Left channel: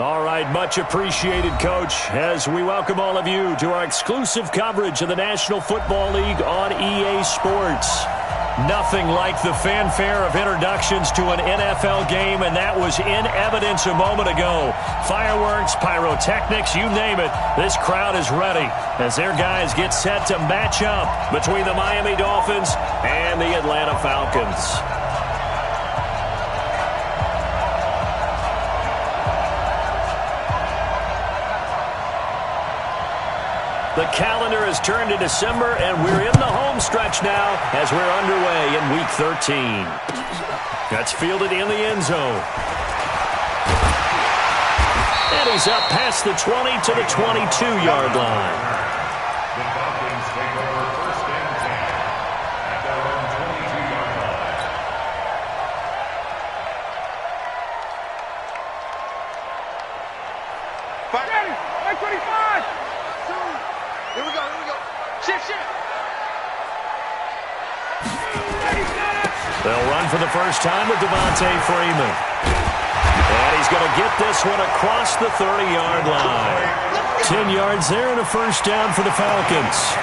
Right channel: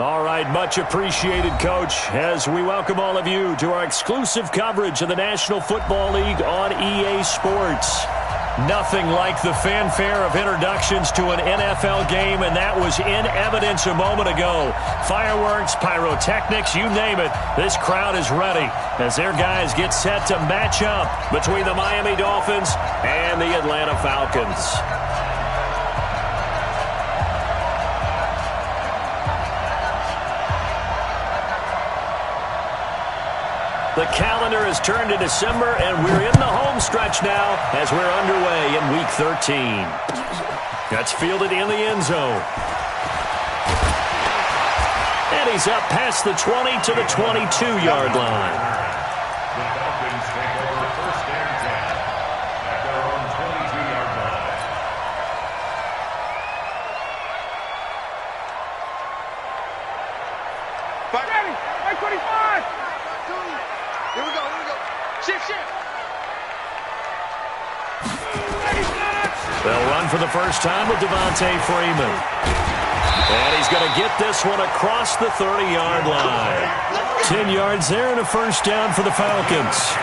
All right, much appreciated, Coach, as we welcome all of you to our exclusive coverage of the National Football League on EA Sports. Nothing like the fanfare of introductions to an NFL game, and that was in evidence a moment ago. Fireworks, pyrotechnics, you name it, this crowd is ready as their guys get set to match up between the Miami Dolphins and the Atlanta Falcons. The calendar has turned to December, and we're in the home stretch now as we're underway in Week 13. That's fielded in the end zone. And he's up past the 20 to the 22-yard line. The Falcons take over first and 10 at their own 22-yard line. Ready, 125. Here we go. Shift. They'll run for the first time with Devontae Freeman. And he's going to get this one across the 30-yard line. 10 yards there and a first down for the Falcons.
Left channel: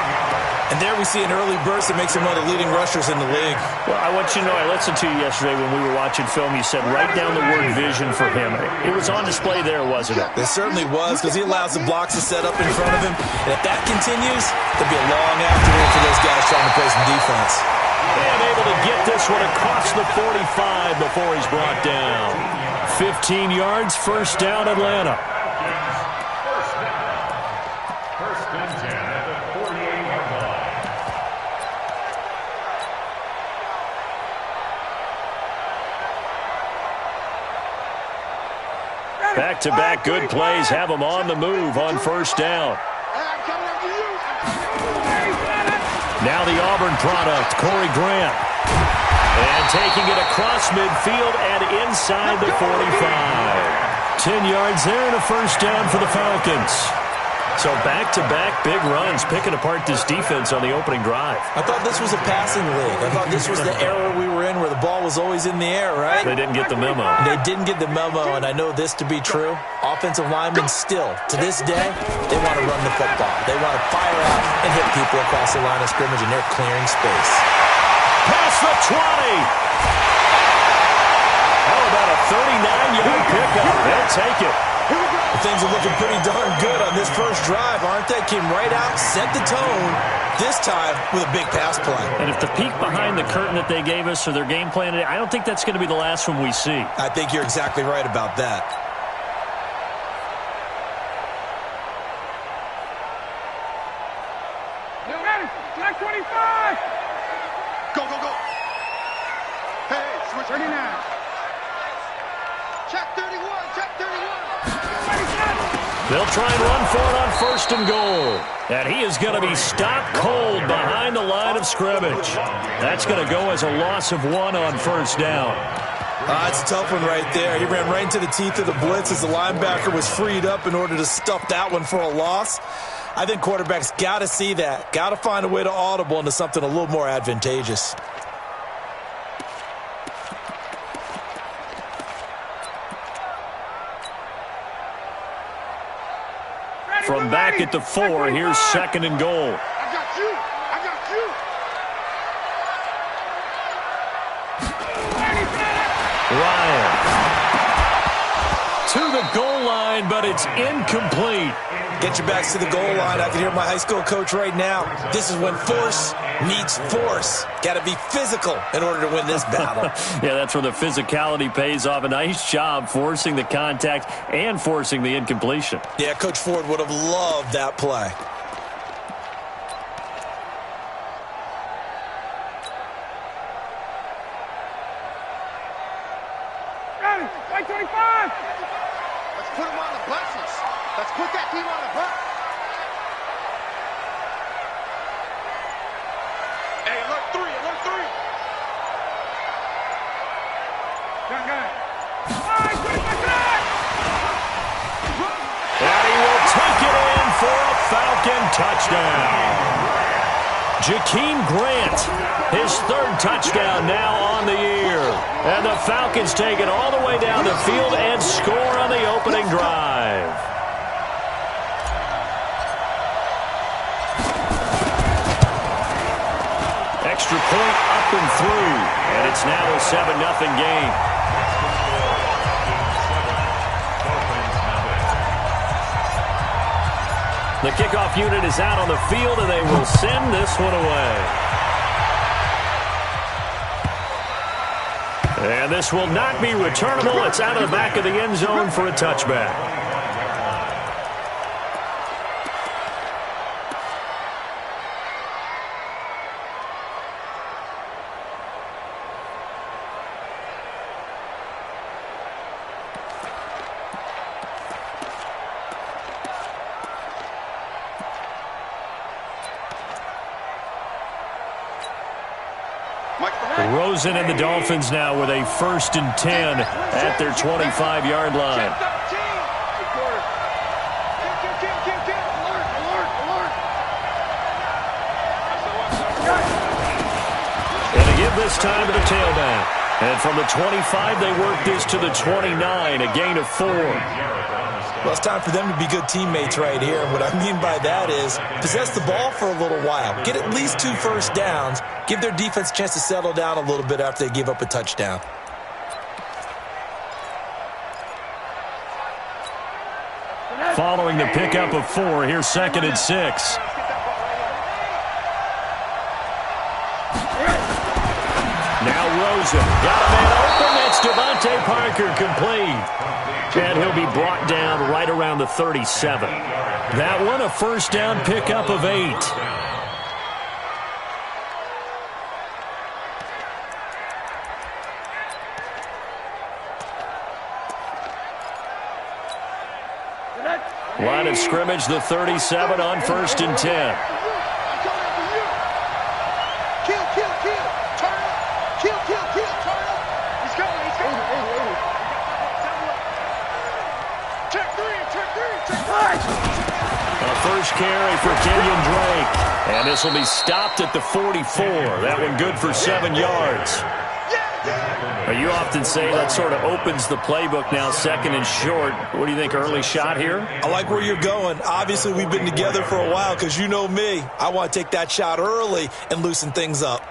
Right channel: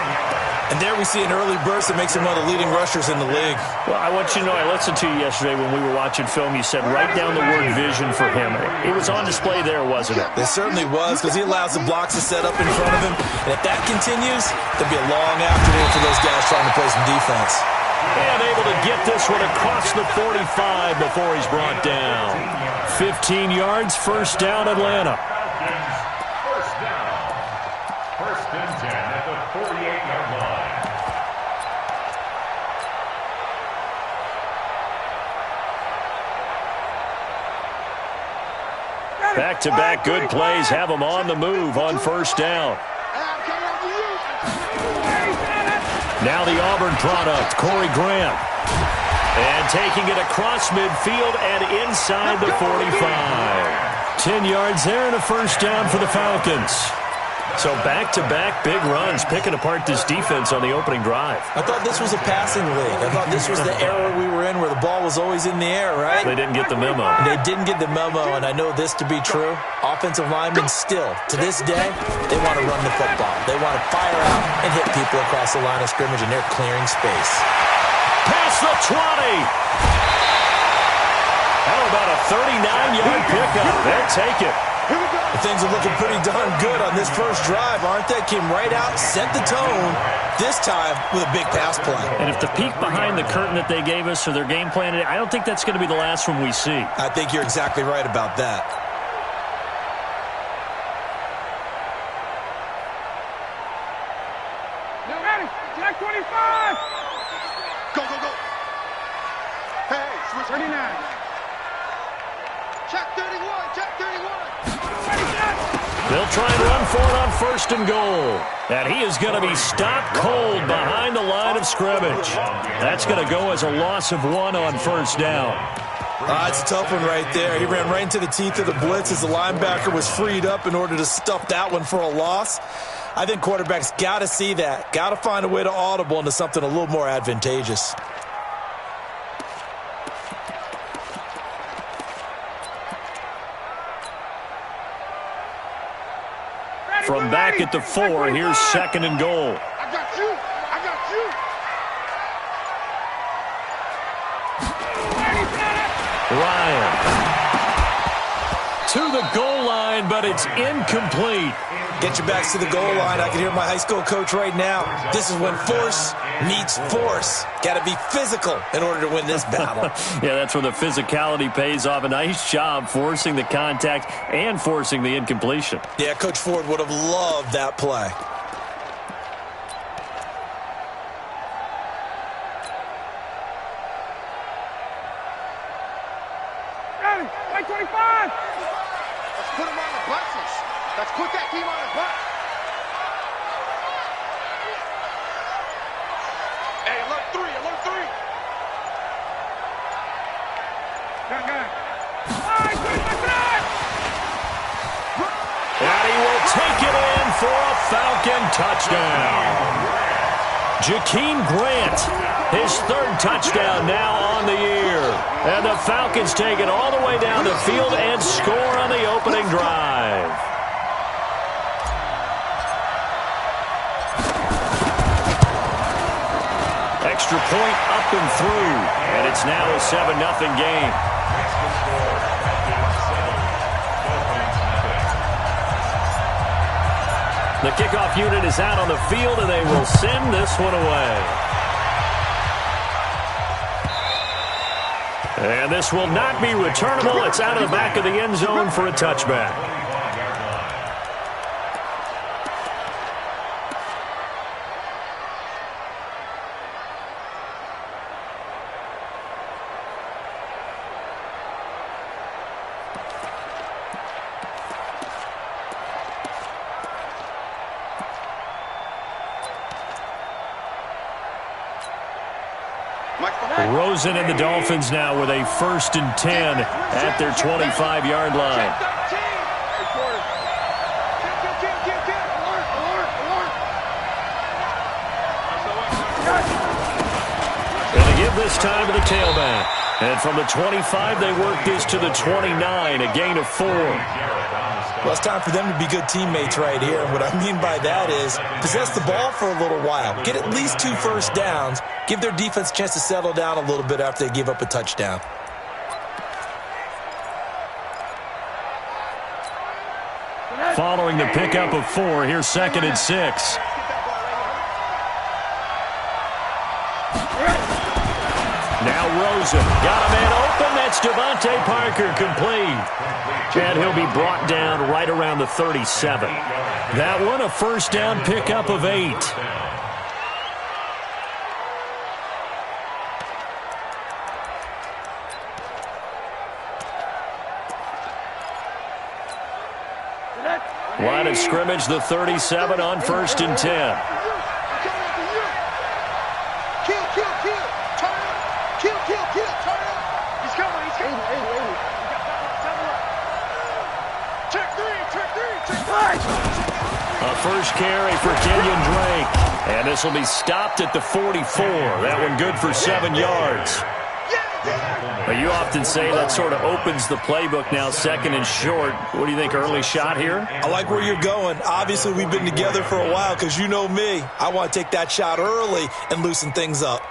And there we see an early burst that makes him one of the leading rushers in the league. Well, I want you to know, I listened to you yesterday when we were watching film. You said write down the word vision for him. It was on display there, wasn't it? It certainly was, because he allows the blocks to set up in front of him. And if that continues, there'll be a long afternoon for those guys trying to play some defense. And able to get this one across the 45 before he's brought down. 15 yards, first down, Atlanta. First down. First and 10 at the 48-yard line. Back-to-back good plays have them on the move on first down. Now the Auburn product, Corey Graham. And taking it across midfield and inside the 45. 10 yards there and a first down for the Falcons. So back-to-back big runs, picking apart this defense on the opening drive. I thought this was a passing league. I thought this was the era we were in where the ball was always in the air, right? They didn't get the memo. They didn't get the memo, and I know this to be true. Offensive linemen still, to this day, they want to run the football. They want to fire out and hit people across the line of scrimmage, and they're clearing space. Past the 20. How about a 39-yard pickup? They'll take it. Things are looking pretty darn good on this first drive, aren't they? Came right out, set the tone, this time with a big pass play. And if the peek behind the curtain that they gave us or their game plan, I don't think that's going to be the last one we see. I think you're exactly right about that. You ready? Jack 25. Go. Hey, switch 39. Check 31. They'll try and run for it on first and goal. And he is going to be stopped cold behind the line of scrimmage. That's going to go as a loss of 1 on first down. It's a tough one right there. He ran right into the teeth of the blitz as the linebacker was freed up in order to stuff that one for a loss. I think quarterbacks got to see that. Got to find a way to audible into something a little more advantageous. From back at the 4, here's second and goal. I got you. Ryan to the goal line, but it's incomplete. Get your backs to the goal line. I can hear my high school coach right now. This is when force meets force. Got to be physical in order to win this battle. Yeah, that's where the physicality pays off. A nice job forcing the contact and forcing the incompletion. Yeah, Coach Ford would have loved that play. Ready? 25. Let's put them on the buses. Let's put that team on the bus. Hey, alert 3. Got it. 25. And he will take it in for a Falcon touchdown. Jakeem Grant, his third touchdown now on the year. And the Falcons take it all the way down the field and score on the opening drive. Extra point up and through, and it's now a 7-0 game. The kickoff unit is out on the field, and they will send this one away. And this will not be returnable. It's out of the back of the end zone for a touchback. Rosen and the Dolphins now with a 1st and 10 at their 25-yard line. And they give this time to the tailback. And from the 25, they work this to the 29, a gain of 4. Well, it's time for them to be good teammates right here. And what I mean by that is possess the ball for a little while. Get at least 2 first downs. Give their defense a chance to settle down a little bit after they give up a touchdown. Following the pickup of 4, here's 2nd and 6. Now Rosen got a man open. That's Devontae Parker, complete. And he'll be brought down right around the 37. That one a 1st down pickup of 8. Line of scrimmage, the 37 on 1st and 10. A first carry for Kenyon Drake. And this will be stopped at the 44. That one good for 7 yards. You often say that sort of opens the playbook now, 2nd and short. What do you think, early shot here? I like where you're going. Obviously, we've been together for a while because you know me. I want to take that shot early and loosen things up.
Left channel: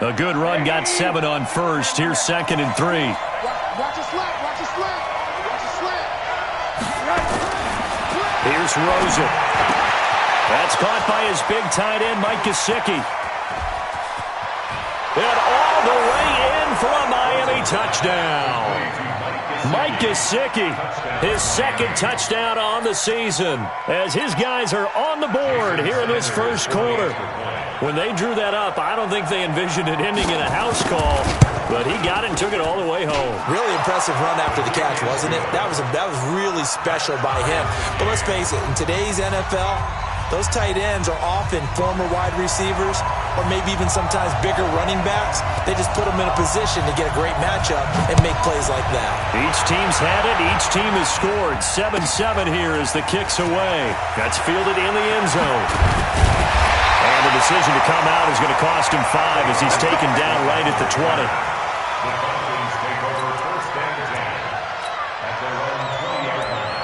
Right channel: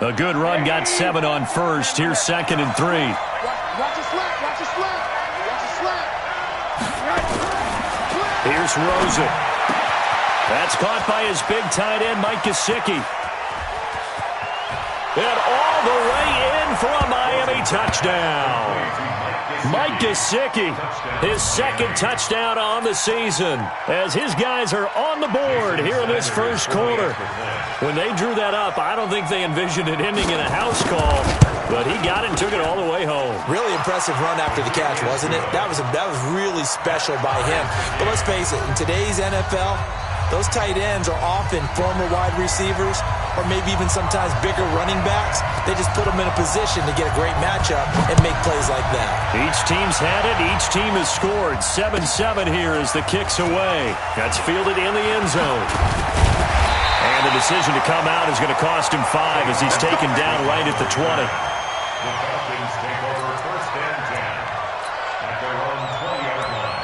A good run, got 7 on 1st. Here's 2nd and 3. Watch a slap, watch a slap, watch a slap. Here's Rosen. That's caught by his big tight end, Mike Gesicki. And all the way in for a Miami touchdown. Mike Gesicki, his 2nd touchdown on the season, as his guys are on the board here in this 1st quarter. When they drew that up, I don't think they envisioned it ending in a house call, but he got it and took it all the way home. Really impressive run after the catch, wasn't it? That was really special by him. But let's face it, in today's NFL, those tight ends are often former wide receivers or maybe even sometimes bigger running backs. They just put them in a position to get a great matchup and make plays like that. Each team's had it. Each team has scored. 7-7 here as the kick's away. That's fielded in the end zone. And the decision to come out is going to cost him 5 as he's taken down right at the 20. The Falcons take over 1st and 10 at their own 20-yard line.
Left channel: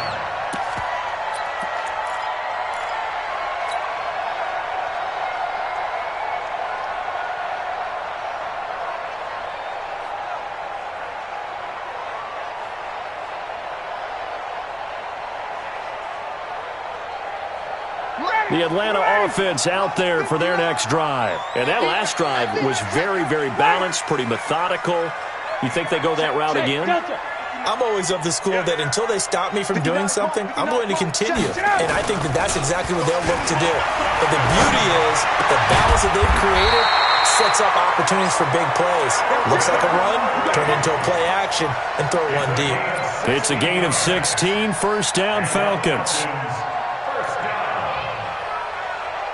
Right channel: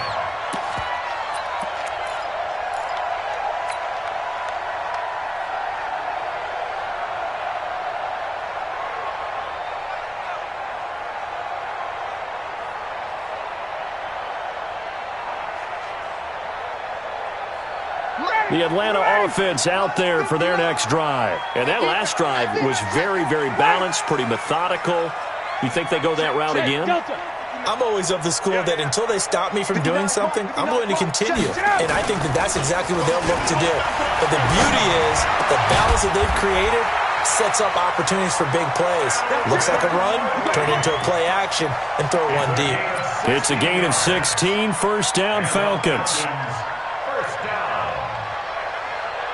The Atlanta offense out there for their next drive. And that last drive was very, very balanced, pretty methodical. You think they go that route again? I'm always of the school that until they stop me from doing something, I'm going to continue. And I think that that's exactly what they'll look to do. But the beauty is the balance that they've created sets up opportunities for big plays. Looks like a run, turn into a play action, and throw one deep. It's a gain of 16, 1st down Falcons.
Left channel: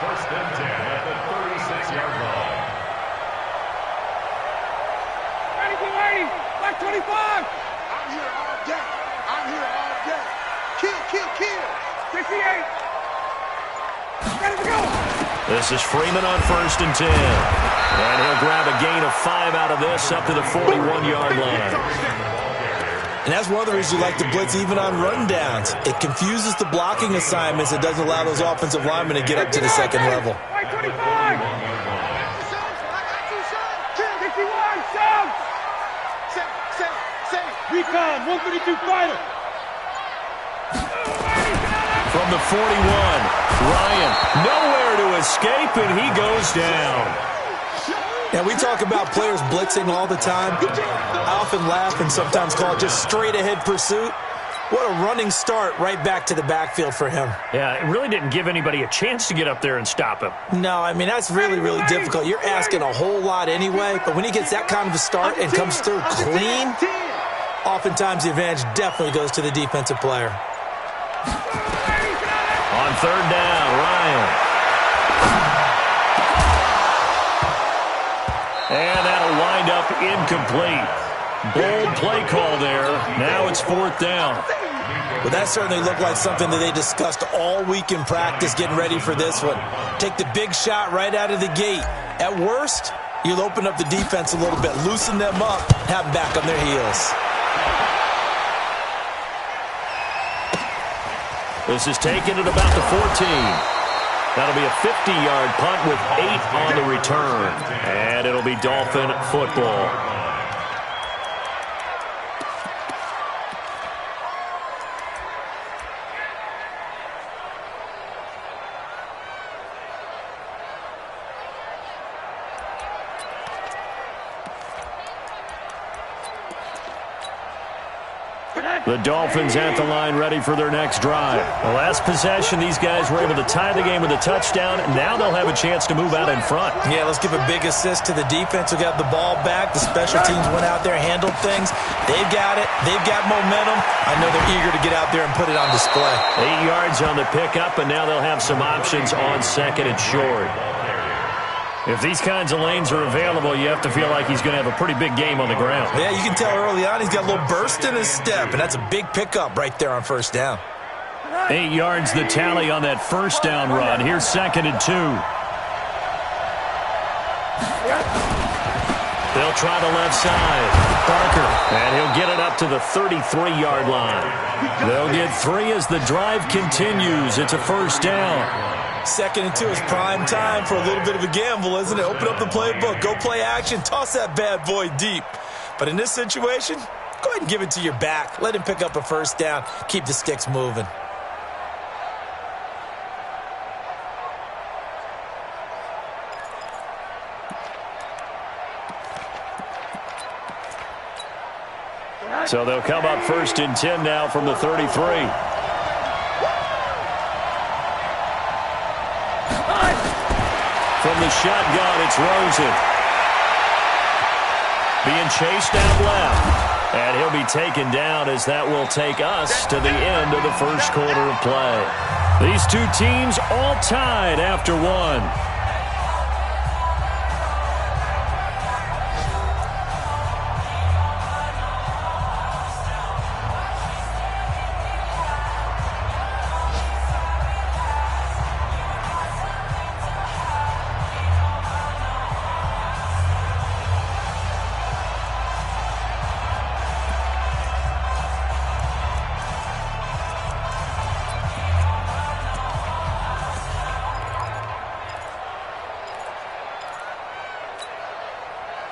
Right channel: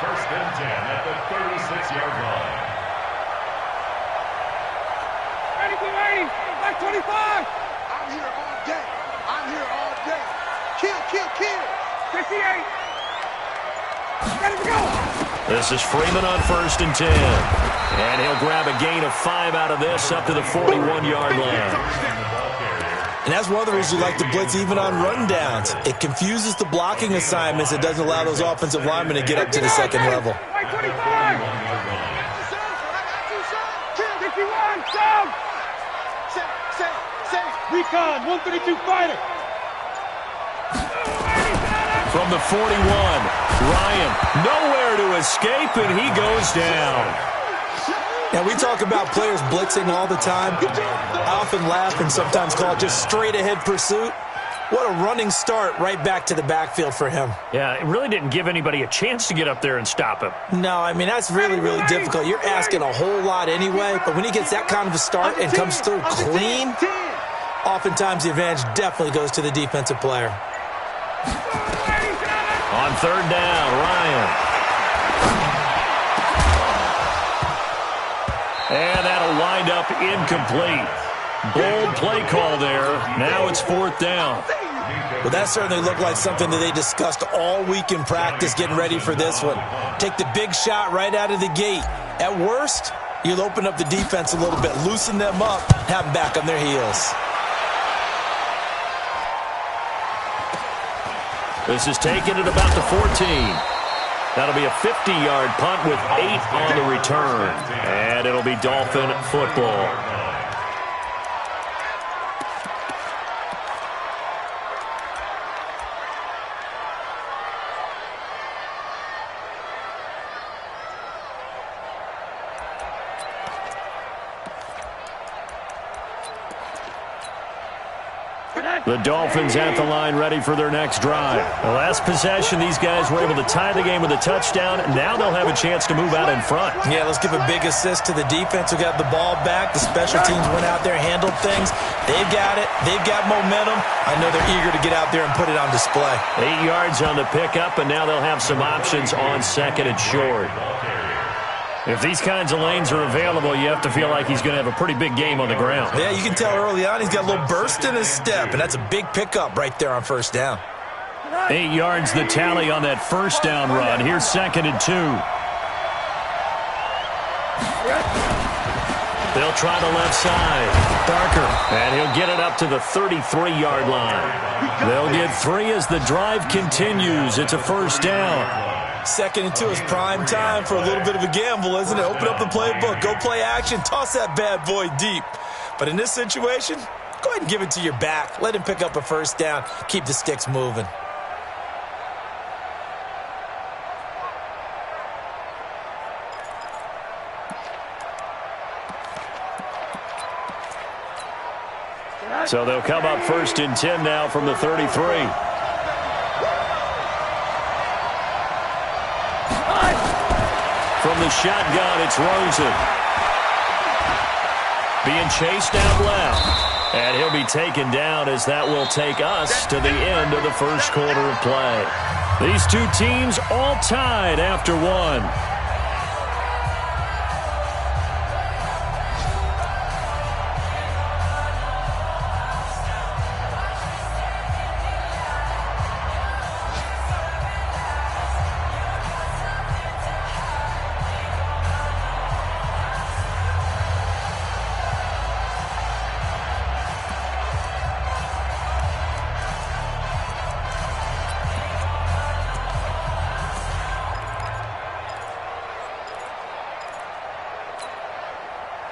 1st and 10 at the 36-yard line. Ready, blue 80. Black 25. I'm here all day. I'm here all day. Kill, kill, kill. 68. Ready to go. This is Freeman on 1st and 10. And he'll grab a gain of 5 out of this up to the 41-yard line. And that's one of the reasons you like to blitz even on rundowns. It confuses the blocking assignments. It doesn't allow those offensive linemen to get up to the second level. White 25. I got you, son. 51, sub. Say. Recon, 132 fighter. From the 41, Ryan nowhere to escape, and he goes down. Now, we talk about players blitzing all the time. I often laugh and sometimes call it just straight-ahead pursuit. What a running start right back to the backfield for him. Yeah, it really didn't give anybody a chance to get up there and stop him. No, I mean, that's really, really difficult. You're asking a whole lot anyway, but when he gets that kind of a start and comes through clean, oftentimes the advantage definitely goes to the defensive player. On 3rd down, Ryan. And that'll wind up incomplete. Bold play call there. Now it's 4th down. Well, that certainly looked like something that they discussed all week in practice getting ready for this one. Take the big shot right out of the gate. At worst, you'll open up the defense a little bit, loosen them up, have them back on their heels. This is taken at about the 14. That'll be a 50-yard punt with 8 on the return. And it'll be Dolphin football. The Dolphins at the line ready for their next drive. The last possession, these guys were able to tie the game with a touchdown. Now they'll have a chance to move out in front. Yeah, let's give a big assist to the defense who got the ball back. The special teams went out there, handled things. They've got it. They've got momentum. I know they're eager to get out there and put it on display. 8 yards on the pickup, and now they'll have some options on 2nd and short. If these kinds of lanes are available, you have to feel like he's going to have a pretty big game on the ground. Yeah, you can tell early on he's got a little burst in his step, and that's a big pickup right there on 1st down. 8 yards the tally on that 1st down run. Here's 2nd and 2. They'll try the left side. Barker, and he'll get it up to the 33-yard line. They'll get 3 as the drive continues. It's a 1st down. 2nd and 2 is prime time for a little bit of a gamble, isn't it? Open up the playbook, go play action, toss that bad boy deep. But in this situation, go ahead and give it to your back. Let him pick up a 1st down. Keep the sticks moving. So they'll come up 1st and 10 now from the 33. From the shotgun, it's Rosen. Being chased out left. And he'll be taken down as that will take us to the end of the 1st quarter of play. These two teams all tied after 1.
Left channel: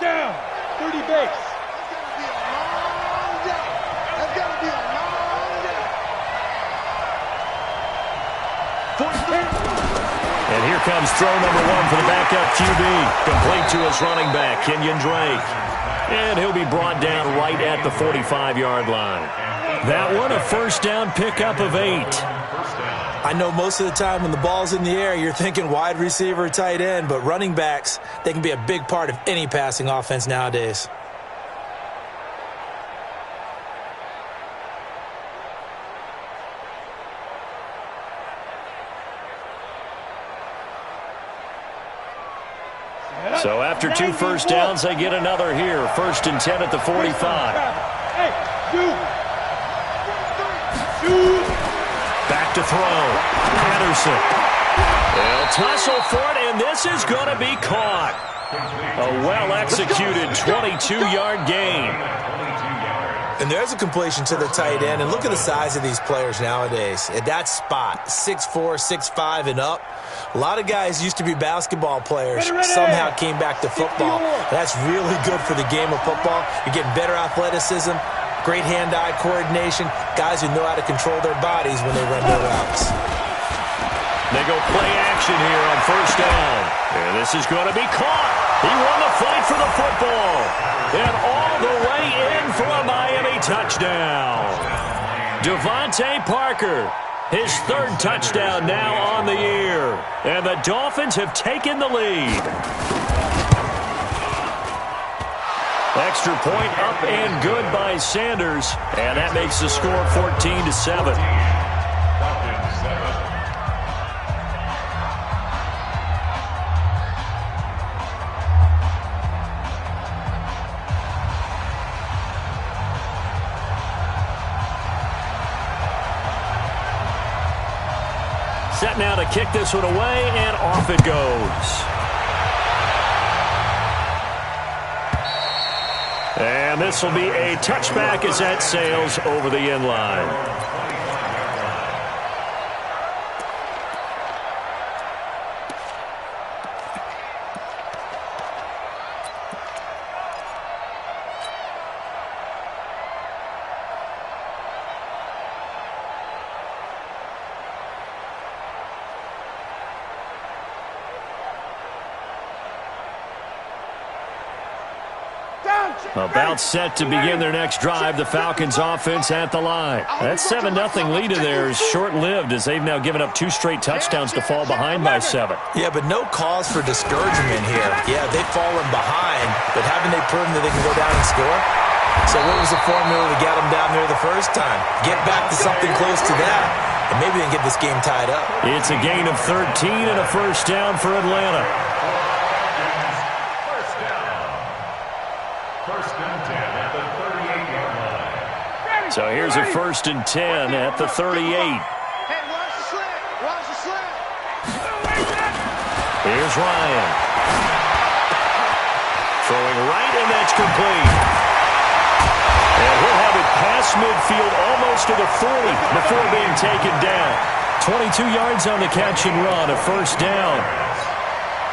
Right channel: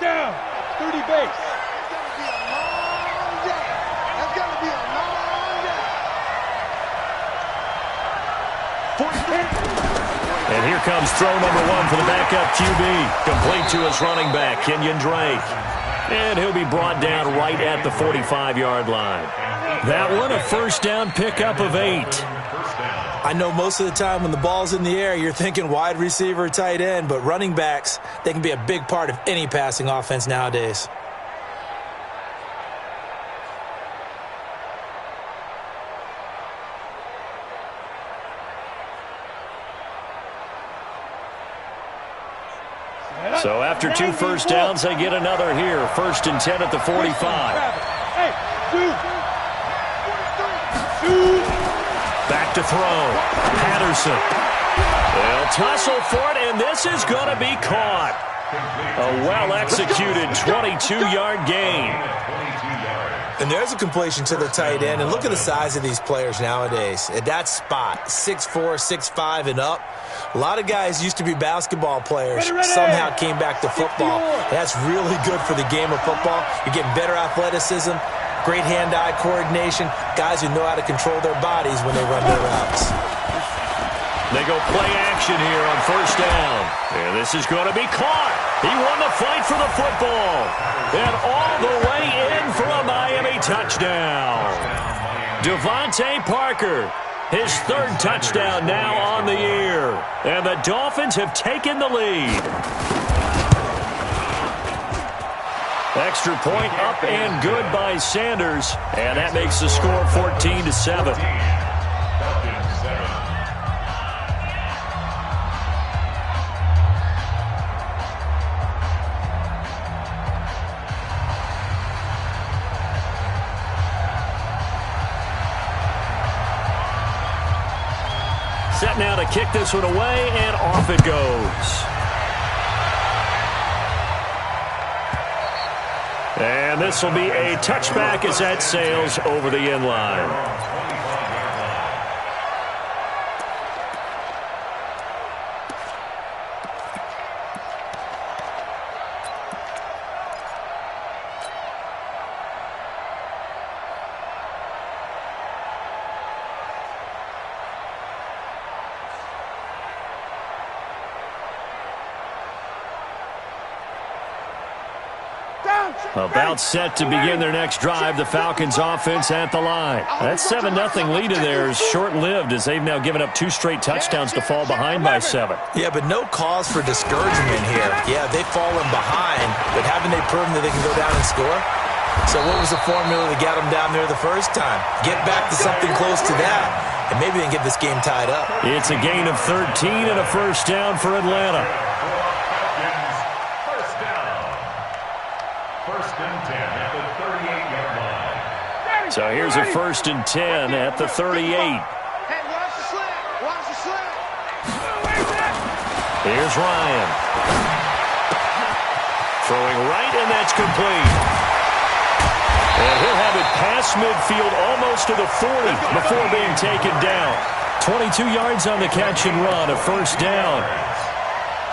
Down, 30 base. It's going to be a long day. It's going to be a long day. And here comes throw number 1 for the backup QB. Complete to his running back, Kenyon Drake. And he'll be brought down right at the 45-yard line. That one, a 1st down pickup of 8. I know most of the time when the ball's in the air, you're thinking wide receiver, tight end, but running backs, they can be a big part of any passing offense nowadays. So after 2 first downs, they get another here. 1st and 10 at the 45. Hey, Back to throw. Patterson. They'll tussle for it, and this is going to be caught. A well-executed 22-yard gain. And there's a completion to the tight end. And look at the size of these players nowadays. At that spot, 6'4", 6'5", and up. A lot of guys used to be basketball players. Somehow came back to football. That's really good for the game of football. You're getting better athleticism, great hand-eye coordination, guys who know how to control their bodies when they run their routes. They go play action here on 1st down. And this is going to be caught. He won the fight for the football. And all the way in for a Miami touchdown. Devontae Parker, his 3rd touchdown now on the year. And the Dolphins have taken the lead. Extra point up and good by Sanders. And that makes the score 14-7. Falcons 7. Set now to kick this one away, and off it goes. And this will be a touchback as that sails over the end line. About set to begin their next drive, the Falcons offense at the line. That 7-0 lead of theirs short-lived as they've now given up 2 straight touchdowns to fall behind by 7. Yeah, but no cause for discouragement here. Yeah, they've fallen behind, but haven't they proven that they can go down and score? So what was the formula to get them down there the first time? Get back to something close to that, and maybe they can get this game tied up. It's a gain of 13 and a 1st down for Atlanta. First and 10 at the 38-yard line. So here's a 1st and 10 at the 38. Hey, watch the slant. Watch the slant. Here's Ryan. Throwing right, and that's complete. And he'll have it past midfield almost to the 40 before being taken down. 22 yards on the catch and run, a 1st down.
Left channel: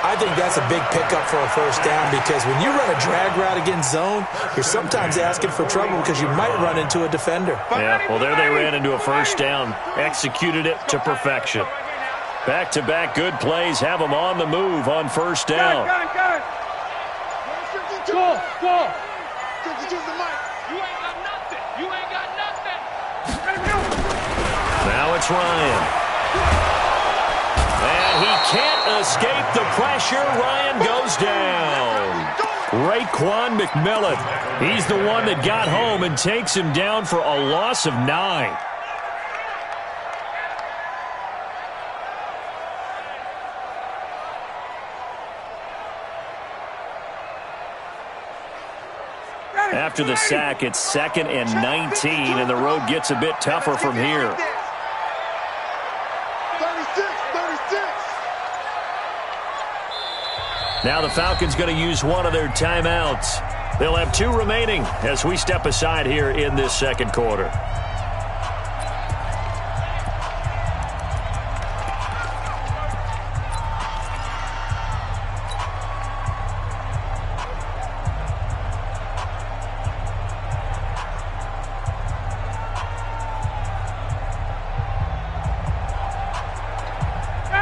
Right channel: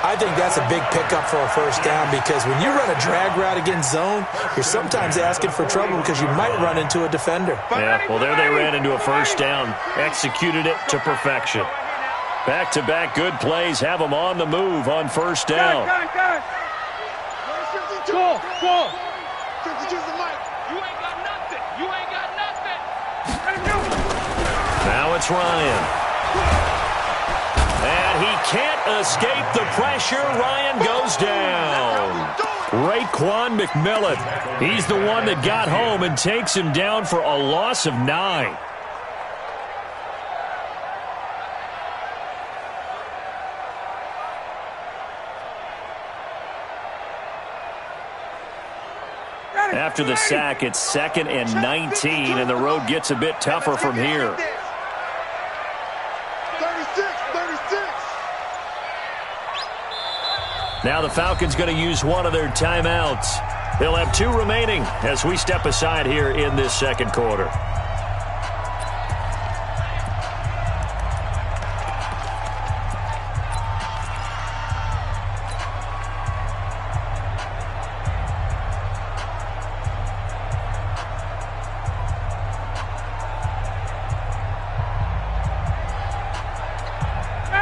I think that's a big pickup for a 1st down because when you run a drag route against zone, you're sometimes asking for trouble because you might run into a defender. Yeah, well, there they ran into a 1st down. Executed it to perfection. Back-to-back good plays have them on the move on 1st down. Got it. 52. Go. 52's the mic. You ain't got nothing. Now it's Ryan. And he can't escape the pressure. Ryan goes down. Raekwon McMillan. He's the one that got home and takes him down for a loss of 9. After the sack, it's 2nd and 19, and the road gets a bit tougher from here. 36. Now the Falcons going to use one of their timeouts. They'll have 2 remaining as we step aside here in this 2nd quarter.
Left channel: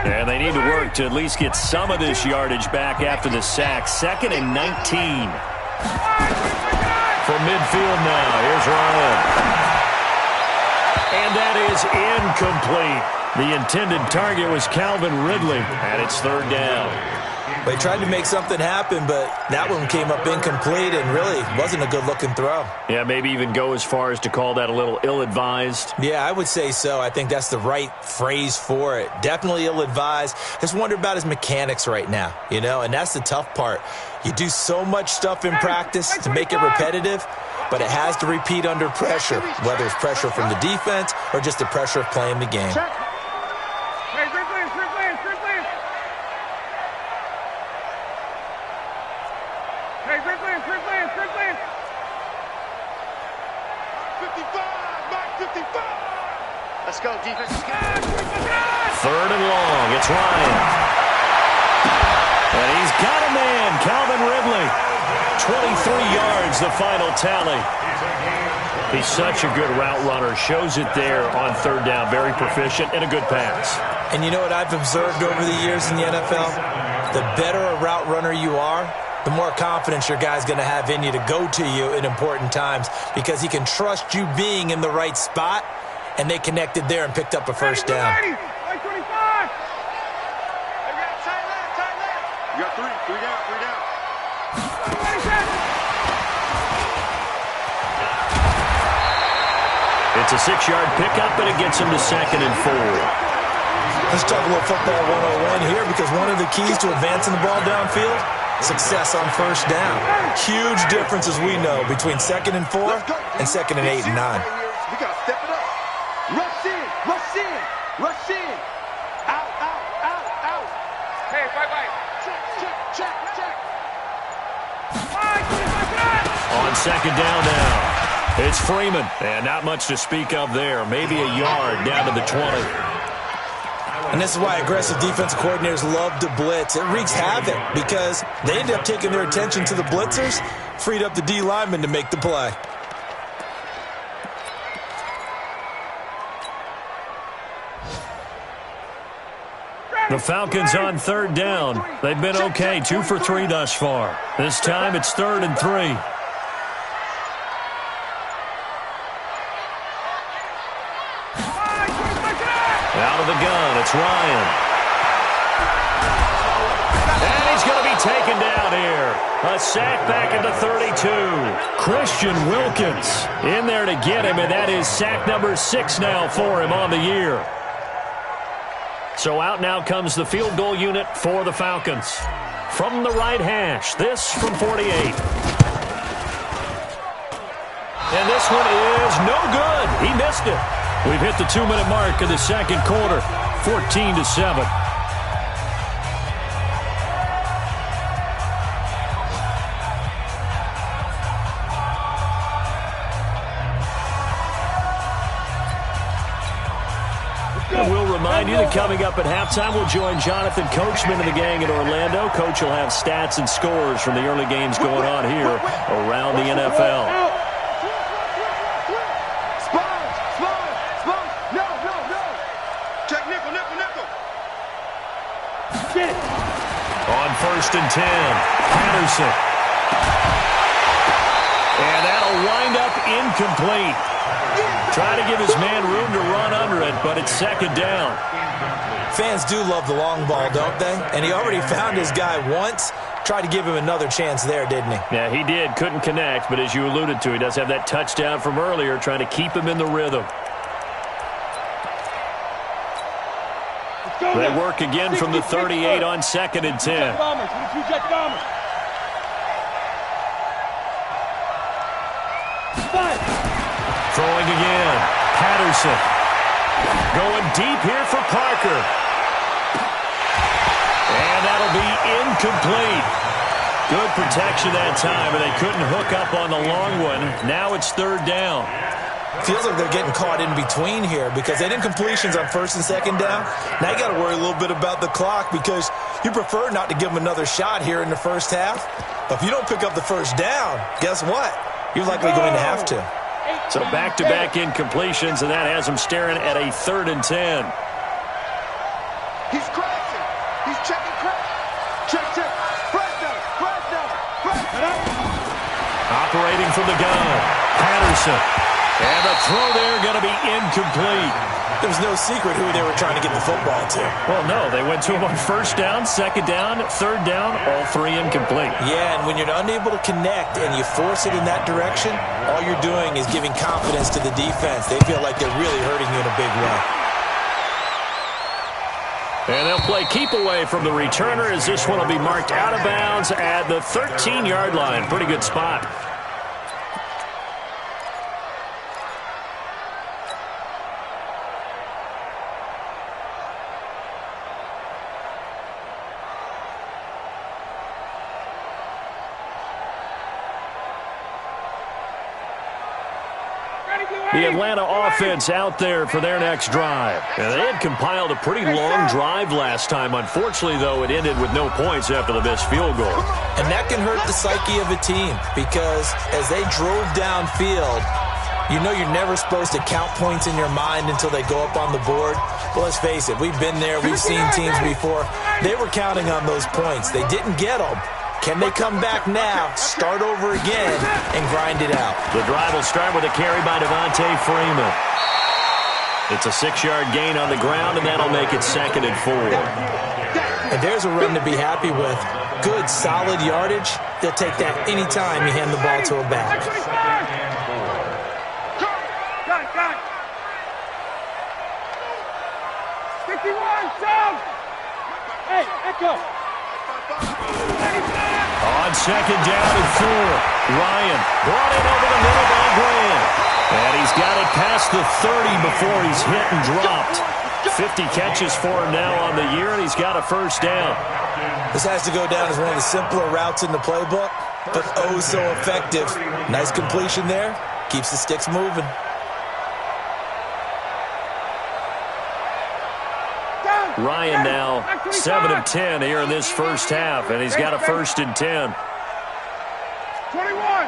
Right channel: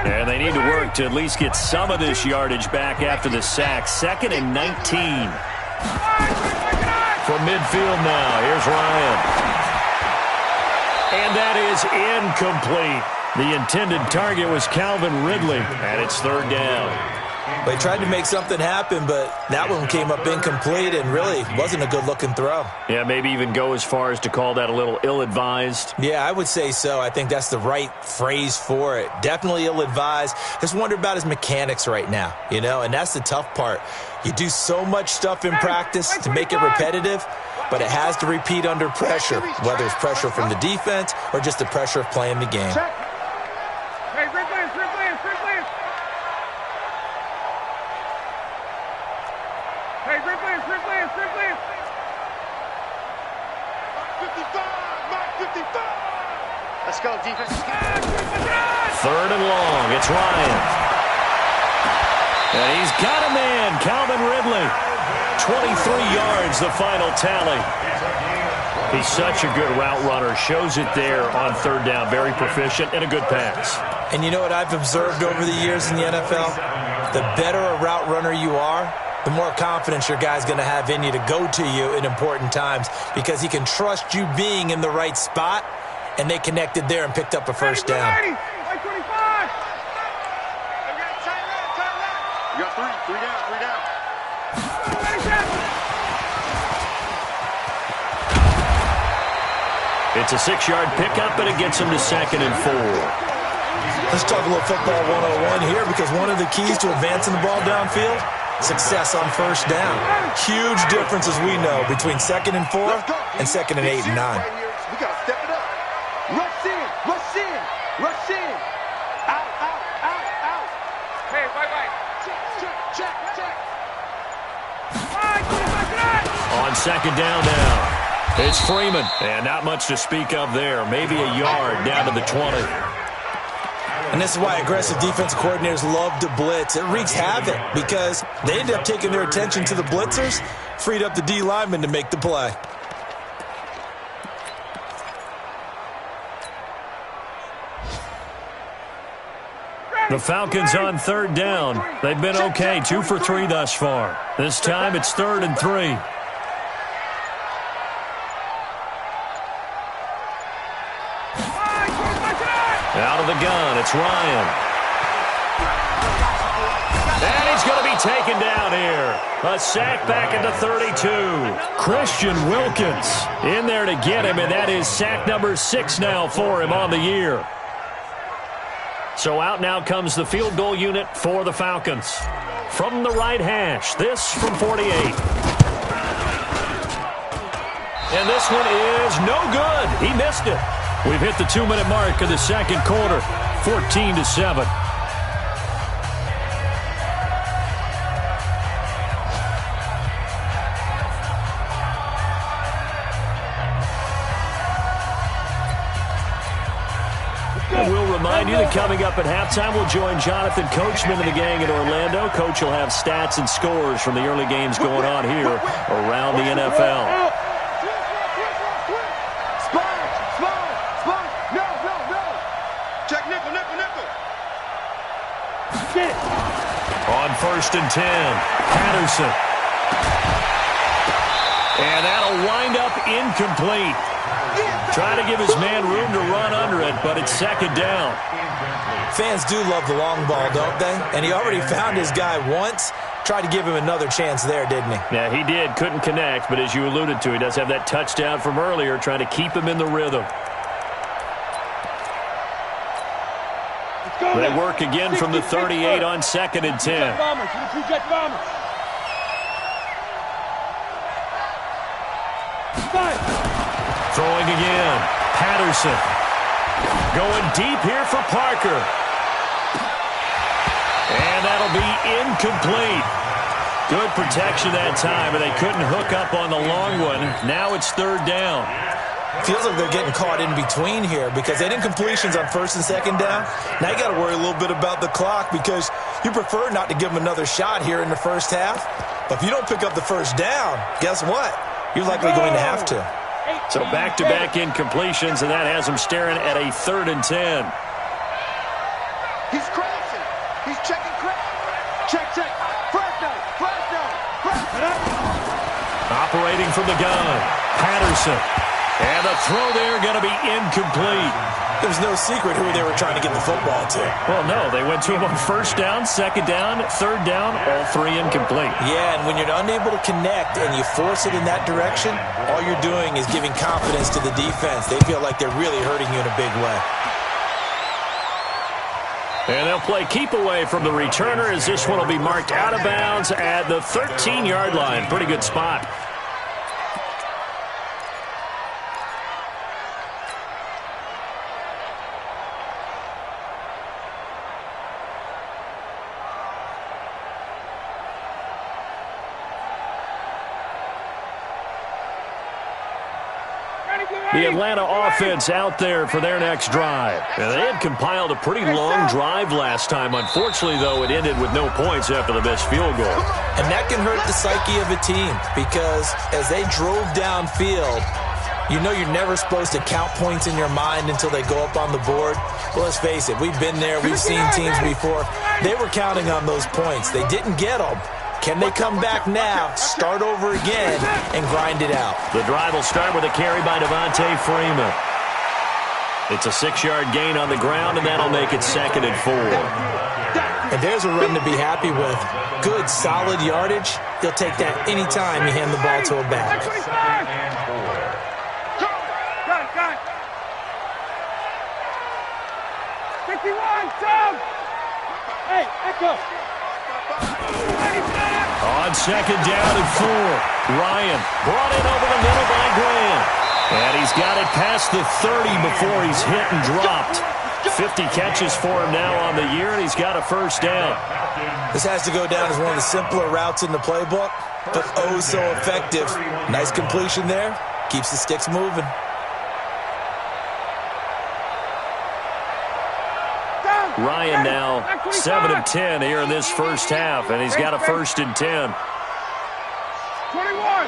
And they need to work to at least get some of this yardage back after the sack. 2nd and 19. From midfield now, here's Ryan. And that is incomplete. The intended target was Calvin Ridley, and it's 3rd down. They tried to make something happen, but that one came up incomplete and really wasn't a good-looking throw. Yeah, maybe even go as far as to call that a little ill-advised. Yeah, I would say so. I think that's the right phrase for it. Definitely ill-advised. Just wonder about his mechanics right now, you know, and that's the tough part. You do so much stuff in practice to make it repetitive, but it has to repeat under pressure, whether it's pressure from the defense or just the pressure of playing the game. Hey, three players. Hey, three players. 55. Let's go, defense. Third and long. It's Ryan. And he's got a man, Calvin Ridley. 23 yards, the final tally. He's such a good route runner. Shows it there on third down. Very proficient and a good pass. And you know what I've observed over the years in the NFL? The better a route runner you are, the more confidence your guy's going to have in you to go to you in important times because he can trust you being in the right spot, and they connected there and picked up a first down. 125. You got three down. It's a 6-yard pickup, and it gets him to 2nd and 4. Let's talk a little football 101 here because one of the keys to advancing the ball downfield, success on first down. Huge difference, as we know, between 2nd and 4 and 2nd and 8 and 9. We got to step it up. Rush in. Out. Hey, white. Check. On 2nd down now. It's Freeman. And not much to speak of there. Maybe a yard down to the 20. And this is why aggressive defensive coordinators love to blitz. It wreaks havoc because they end up taking their attention to the blitzers, freed up the D lineman to make the play. The Falcons on third down. They've been okay, 2 for 3 thus far. This time it's 3rd and 3. Out of the gun, it's Ryan. And he's going to be taken down here. A sack back at the 32. Christian Wilkins in there to get him, and that is sack number 6 now for him on the year. So out now comes the field goal unit for the Falcons. From the right hash, this from 48. And this one is no good. He missed it. We've hit the 2-minute mark of the second quarter, 14-7. And we'll remind you that coming up at halftime, we'll join Jonathan Coachman and the gang in Orlando. Coach will have stats and scores from the early games going on here around the NFL. On 1st and 10, Patterson. And that'll wind up incomplete. Trying to give his man room to run under it, but it's 2nd down. Fans do love the long ball, don't they? And he already found his guy once. Tried to give him another chance there, didn't he? Yeah, he did. Couldn't connect, but as you alluded to, he does have that touchdown from earlier, trying to keep him in the rhythm. They work again from the 38 on 2nd and 10. Throwing again. Patterson. Going deep here for Parker. And that'll be incomplete. Good protection that time, but they couldn't hook up on the long one. Now it's 3rd down. Feels like they're getting caught in between here because they did completions on 1st and 2nd down. Now you got to worry a little bit about the clock because you prefer not to give them another shot here in the first half. But if you don't pick up the first down, guess what? You're likely going to have to. So back-to-back incompletions, and that has them staring at a 3rd and 10. He's crashing. He's checking crash. Check. Fresno. Operating from the gun, Patterson. And the throw there going to be incomplete. There was no secret who they were trying to get the football to. Well, no, they went to him on first down, second down, third down, all three incomplete. Yeah, and when you're unable to connect and you force it in that direction, all you're doing is giving confidence to the defense. They feel like they're really hurting you in a big way. And they'll play keep away from the returner as this one will be marked out of bounds at the 13-yard line. Pretty good spot. The Atlanta offense out there for their next drive. And they had compiled a pretty long drive last time. Unfortunately, though, it ended with no points after the missed field goal. And that can hurt the psyche of a team because as they drove downfield, you know you're never supposed to count points in your mind until they go up on the board. But let's face it, we've been there. We've seen teams before. They were counting on those points. They didn't get them. Can they come back now, start over again, and grind it out? The drive will start with a carry by Devontae Freeman. It's a 6-yard gain on the ground, and that'll make it 2nd and 4. And there's a run to be happy with. Good, solid yardage. He'll take that any time you hand the ball to a back. Got it. 51, down. Hey, Echo. On 2nd down and 4, Ryan brought in over the middle by Graham. And he's got it past the 30 before he's hit and dropped. 50 catches for him now on the year, and he's got a first down. This has to go down as one of the simpler routes in the playbook, but oh so effective. Nice completion there. Keeps the sticks moving. Ryan now 7 of 10 here in this first half, and he's got a 1st and 10. 21.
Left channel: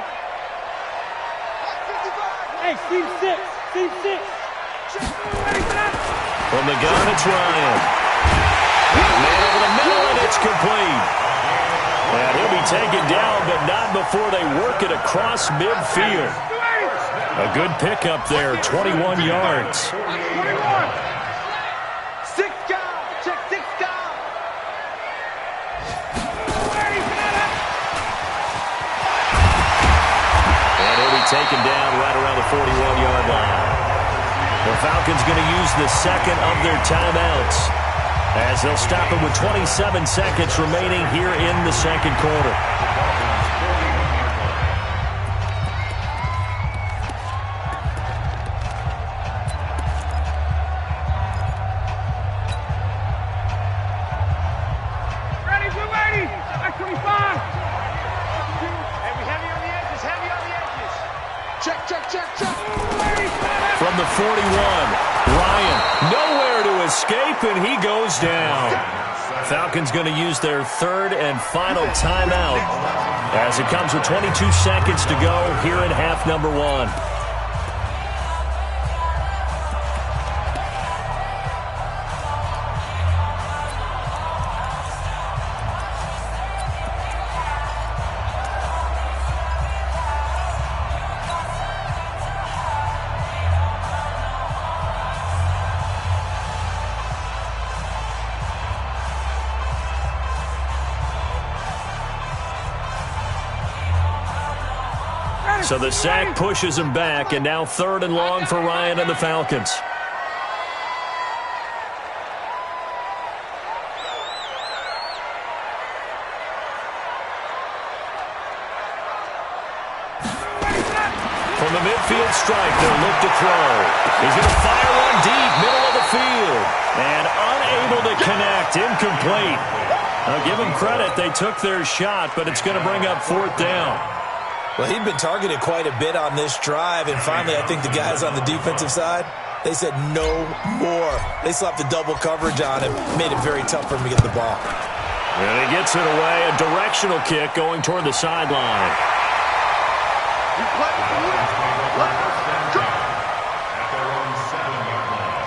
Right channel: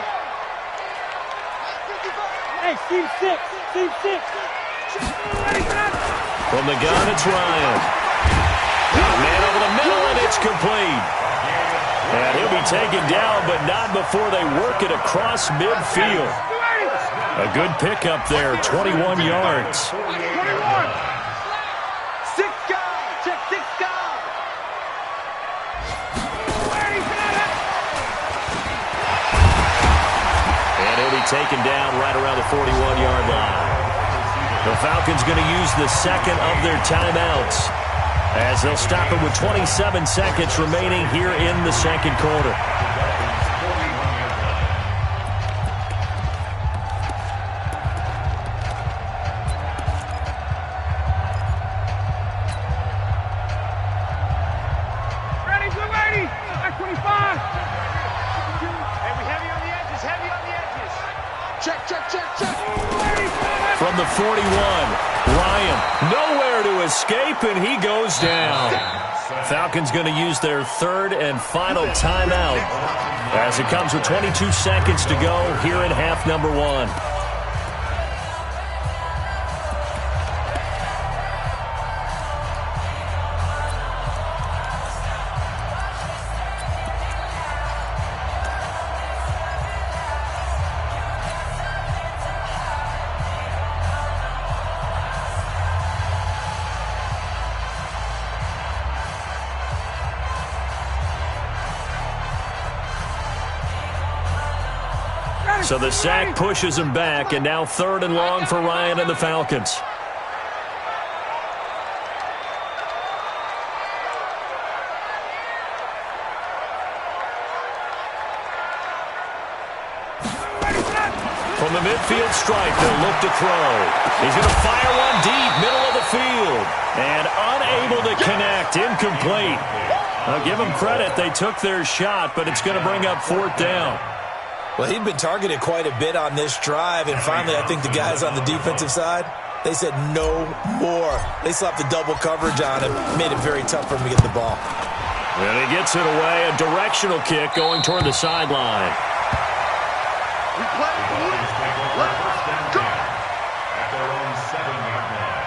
Hey, Steve 6. From the gun, it's Ryan. Man over the middle, and it's complete. And he'll be taken down, but not before they work it across midfield. A good pickup there, 21 yards. 21. 6 guys. Check 6 guys. And he'll be taken down right around the 41-yard line. The Falcons going to use the second of their timeouts as they'll stop it with 27 seconds remaining here in the second quarter. Ready, blue 80. Back 25. Hey, we heavy on the edges. Check. From the 41, Ryan nowhere to escape, and he goes down. Falcons going to use their 3rd and final timeout as it comes with 22 seconds to go here in half number 1. So the sack pushes him back, and now 3rd and long for Ryan and the Falcons. From the midfield stripe, they'll look to throw. He's going to fire one deep, middle of the field. And unable to connect, incomplete. I'll give them credit. They took their shot, but it's going to bring up 4th down. Well, he'd been targeted quite a bit on this drive, and finally I think the guys on the defensive side, they said no more. They slapped the double coverage on him, made it very tough for him to get the ball. And he gets it away, a directional kick going toward the sideline. We play to win. Let's go. At their own 7-yard line.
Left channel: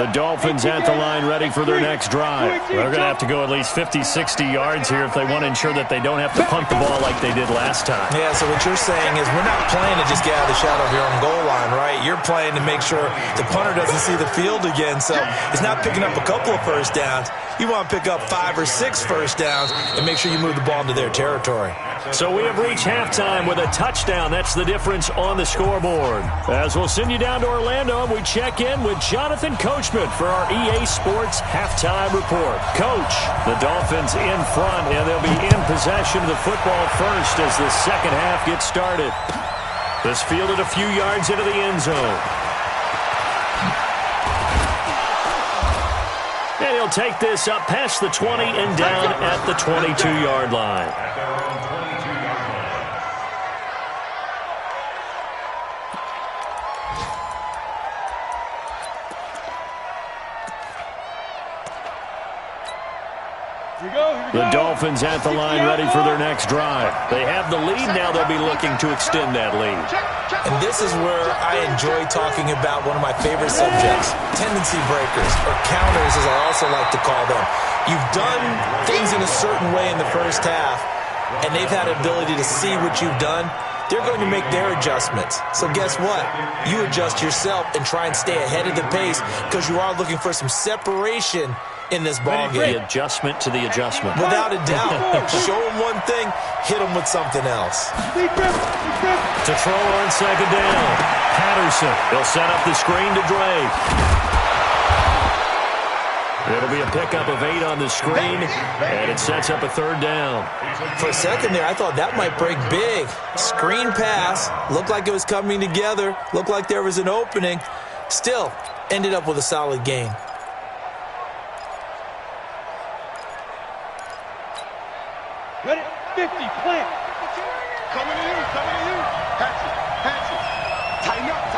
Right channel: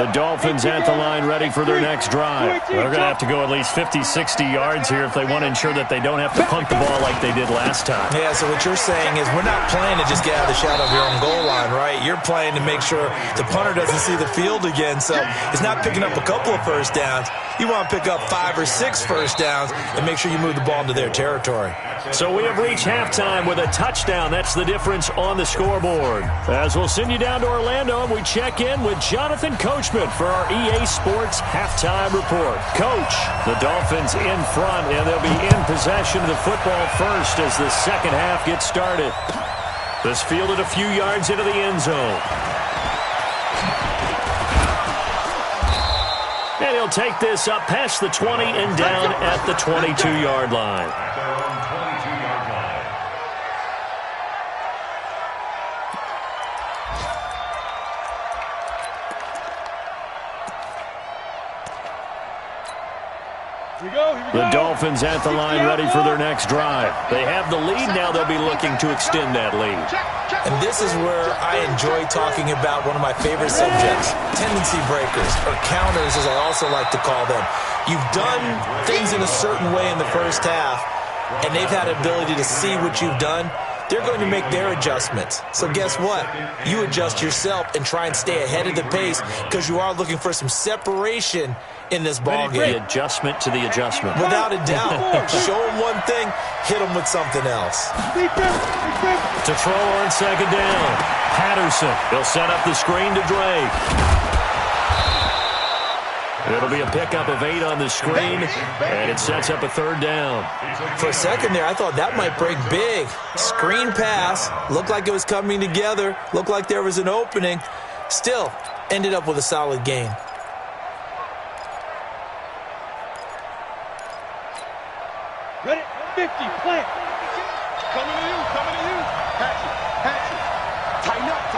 The Dolphins at the line ready for their next drive. They're going to have to go at least 50, 60 yards here if they want to ensure that they don't have to punt the ball like they did last time. Yeah, so what you're saying is we're not playing to just get out of the shadow of your own goal line, right? You're playing to make sure the punter doesn't see the field again. So it's not picking up a couple of first downs. You want to pick up 5 or 6 first downs and make sure you move the ball into their territory. So we have reached halftime with a touchdown. That's the difference on the scoreboard. As we'll send you down to Orlando, and we check in with Jonathan Coachman for our EA Sports Halftime Report. Coach, the Dolphins in front, and they'll be in possession of the football first as the second half gets started. This fielded a few yards into the end zone. And he'll take this up past the 20 and down at the 22-yard line. At their own 22-yard line. Here we go. The Dolphins at the line ready for their next drive. They have the lead. Now they'll be looking to extend that lead. And this is where I enjoy talking about one of my favorite subjects, tendency breakers, or counters as I also like to call them. You've done things in a certain way in the first half, and they've had the ability to see what you've done. They're going to make their adjustments. So guess what? You adjust yourself and try and stay ahead of the pace because you are looking for some separation in this ball game. The adjustment to the adjustment. Without a doubt. Show them one thing, hit them with something else. To throw on second down. Patterson. He'll set up the screen to Drake. It'll be a pickup of 8 on the screen, and it sets up a third down. For a second there, I thought that might break big. Screen pass. Looked like it was coming together. Looked like there was an opening. Still, ended up with a solid gain. Ready? 50, plant. Coming to you. Patch it. Tighten up.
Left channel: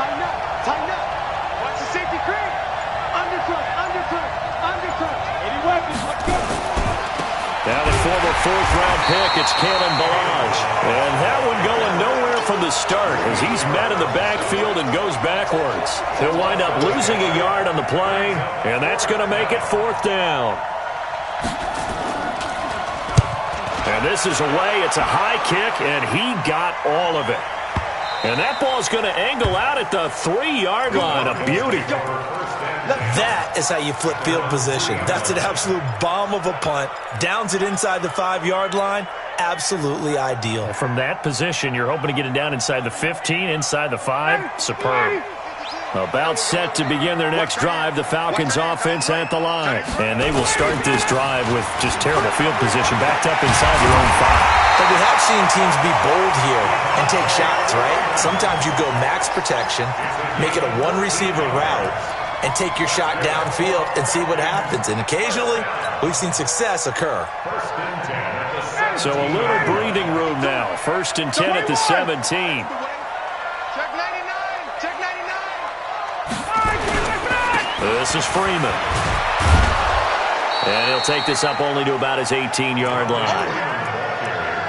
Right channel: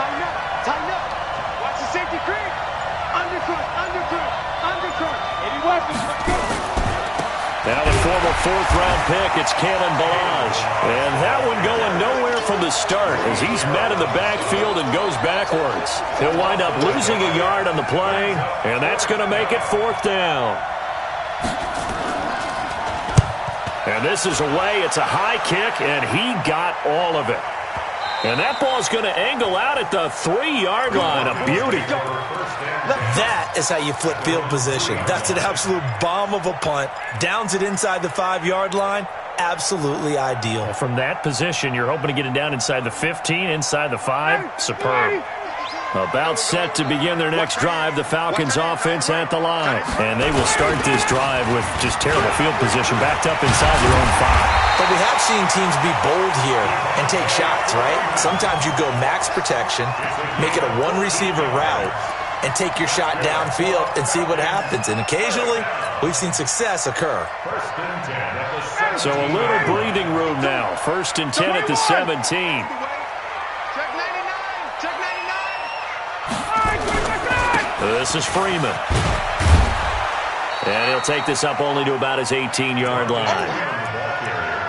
Watch the safety creep. Undercrunch. 80 weapons. Let's go. Now the former 4th-round pick, it's Kalen Ballage. And that one going nowhere from the start as he's met in the backfield and goes backwards. He'll wind up losing a yard on the play, and that's going to make it 4th down. And this is away. It's a high kick, and he got all of it. And that ball's going to angle out at the 3-yard line. A beauty. That is how you flip field position. That's an absolute bomb of a punt. Downs it inside the 5-yard line. Absolutely ideal. From that position, you're hoping to get it down inside the 15, inside the 5. Superb. About set to begin their next drive, the Falcons offense at the line. And they will start this drive with just terrible field position, backed up inside their own 5. But we have seen teams be bold here and take shots, right? Sometimes you go max protection, make it a one-receiver route, and take your shot downfield and see what happens. And occasionally, we've seen success occur. So a little breathing room now. 1st and 10 at the 17. Check 99. This is Freeman. And he'll take this up only to about his 18-yard line.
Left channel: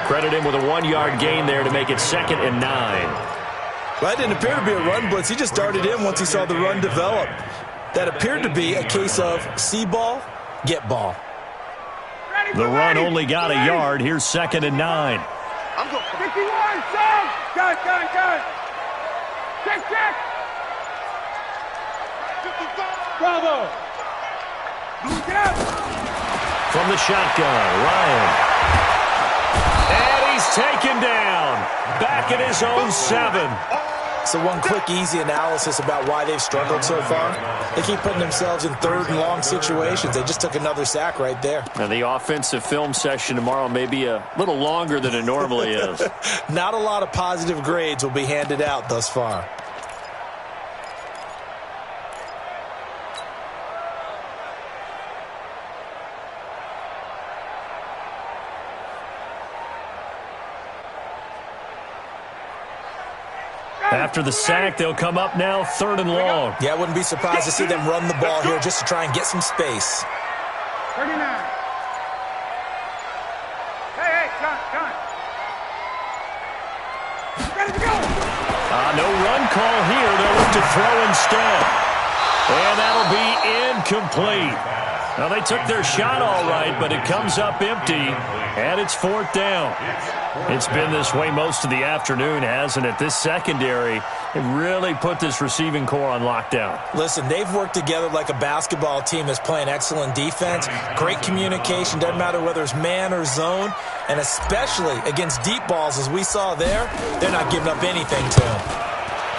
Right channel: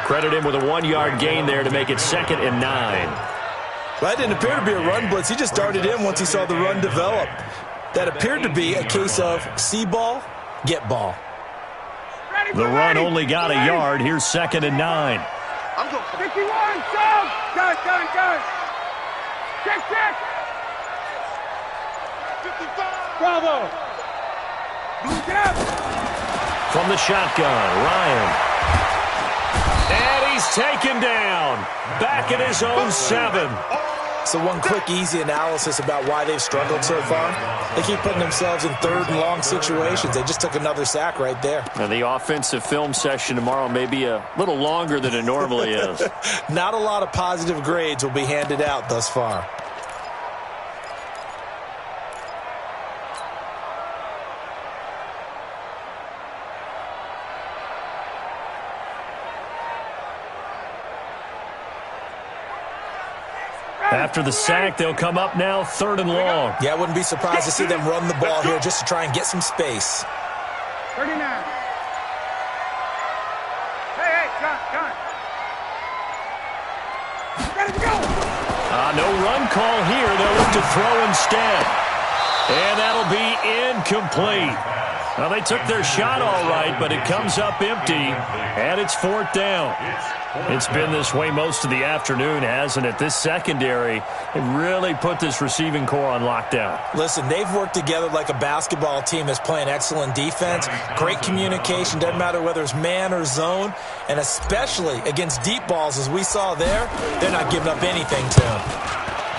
Credit him with a 1-yard gain there to make it 2nd and 9. Well, that didn't appear to be a run blitz. He just darted in once he saw the run develop. That appeared to be a case of see ball, get ball. The run only got a yard. Here's 2nd and 9. I'm going 51, Sam. Gun. Check. 55. Bravo. Get up. From the shotgun, Ryan. And he's taken down. Back at his own 7. So one quick, easy analysis about why they've struggled so far. They keep putting themselves in 3rd and long situations. They just took another sack right there. And the offensive film session tomorrow may be a little longer than it normally is. Not a lot of positive grades will be handed out thus far. After the sack, they'll come up now 3rd and long. Yeah, I wouldn't be surprised to see them run the ball here just to try and get some space. 39. Hey, John. Ready to go. No run call here. They'll look to throw instead. And that'll be incomplete. Now, they took their shot all right, but it comes up empty, and it's 4th down. It's been this way most of the afternoon, hasn't it? This secondary, it really put this receiving core on lockdown. Listen, they've worked together like a basketball team that's playing excellent defense, great communication, doesn't matter whether it's man or zone, and especially against deep balls, as we saw there, they're not giving up anything to them.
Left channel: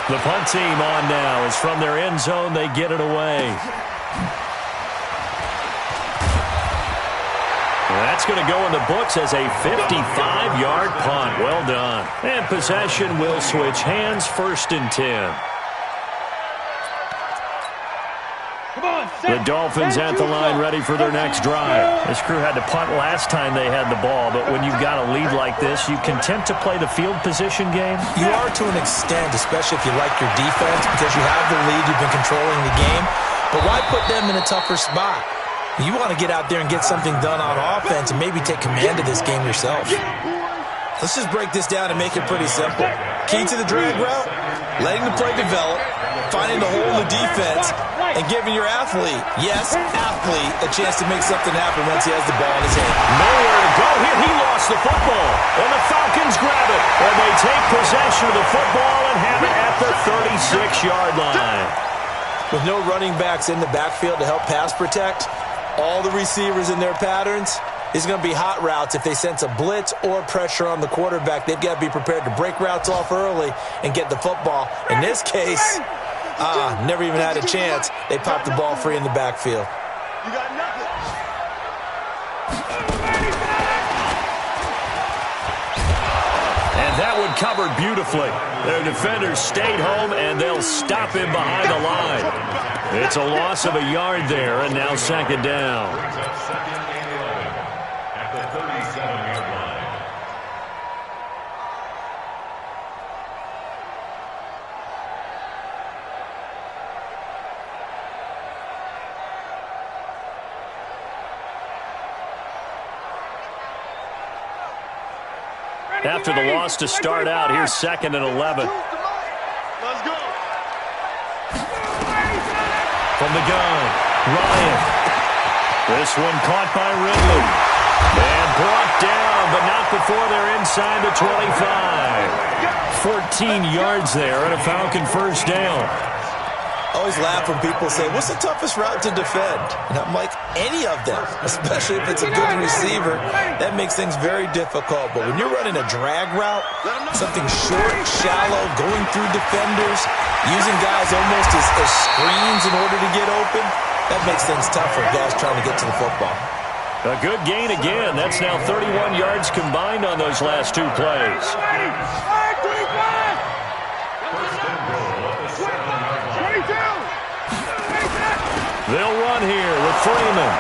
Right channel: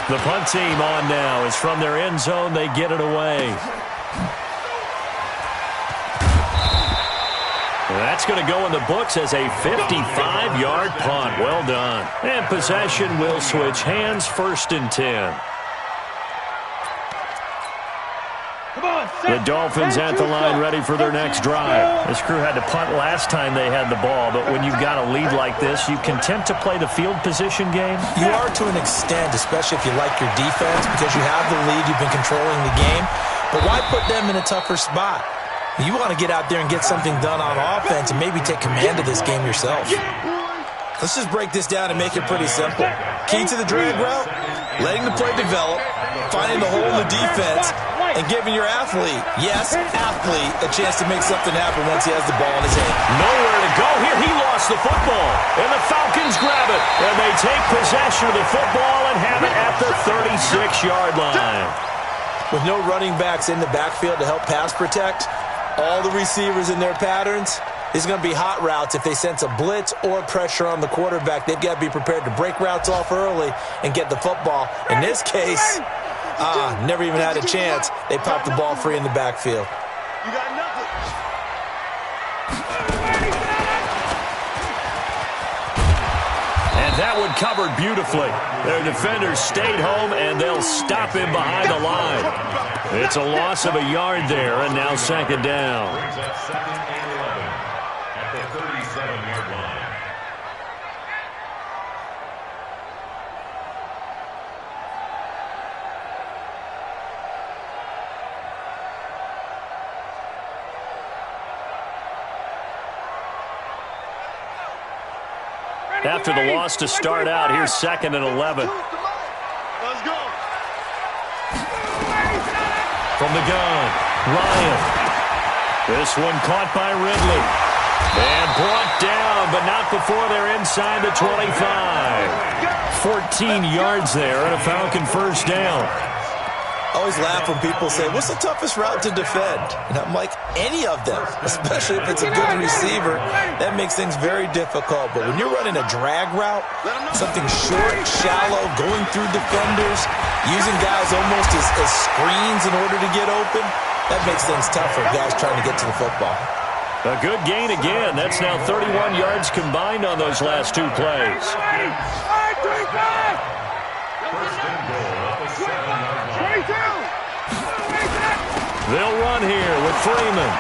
The punt team on now is from their end zone. They get it away. That's going to go in the books as a 55-yard punt. Well done. And possession will switch hands, 1st and 10. The Dolphins at the line ready for their next drive. This crew had to punt last time they had the ball, but when you've got a lead like this, you content to play the field position game? You are to an extent, especially if you like your defense, because you have the lead, you've been controlling the game. But why put them in a tougher spot? You want to get out there and get something done on offense and maybe take command of this game yourself. Let's just break this down and make it pretty simple. Key to the drag route, letting the play develop, finding the hole in the defense, and giving your athlete, yes, athlete, a chance to make something happen once he has the ball in his hand. Nowhere to go here. He lost the football, and the Falcons grab it, and they take possession of the football and have it at the 36-yard line. With no running backs in the backfield to help pass protect, all the receivers in their patterns, these are going to be hot routes. If they sense a blitz or pressure on the quarterback, they've got to be prepared to break routes off early and get the football. In this case, never even had a chance. They popped the ball free in the backfield. You got nothing. And that one covered beautifully. Their defenders stayed home, and they'll stop him behind the line. It's a loss of a yard there, and now 2nd down. Brings up 2nd and 11 at the 37-yard line. After the loss to start out, here's 2nd and 11. Let's go. From the gun, Ryan. This one caught by Ridley. And brought down, but not before they're inside the 25. 14 yards there and a Falcon 1st down. I always laugh when people say, what's the toughest route to defend? And I'm like, any of them, especially if it's a good receiver. That makes things very difficult. But when you're running a drag route, something short, shallow, going through defenders, using guys almost as screens in order to get open, that makes things tough for guys trying to get to the football. A good gain again. That's now 31 yards combined on those last 2 plays. 1st and goal at the 7-yard line. They'll run here with Freeman.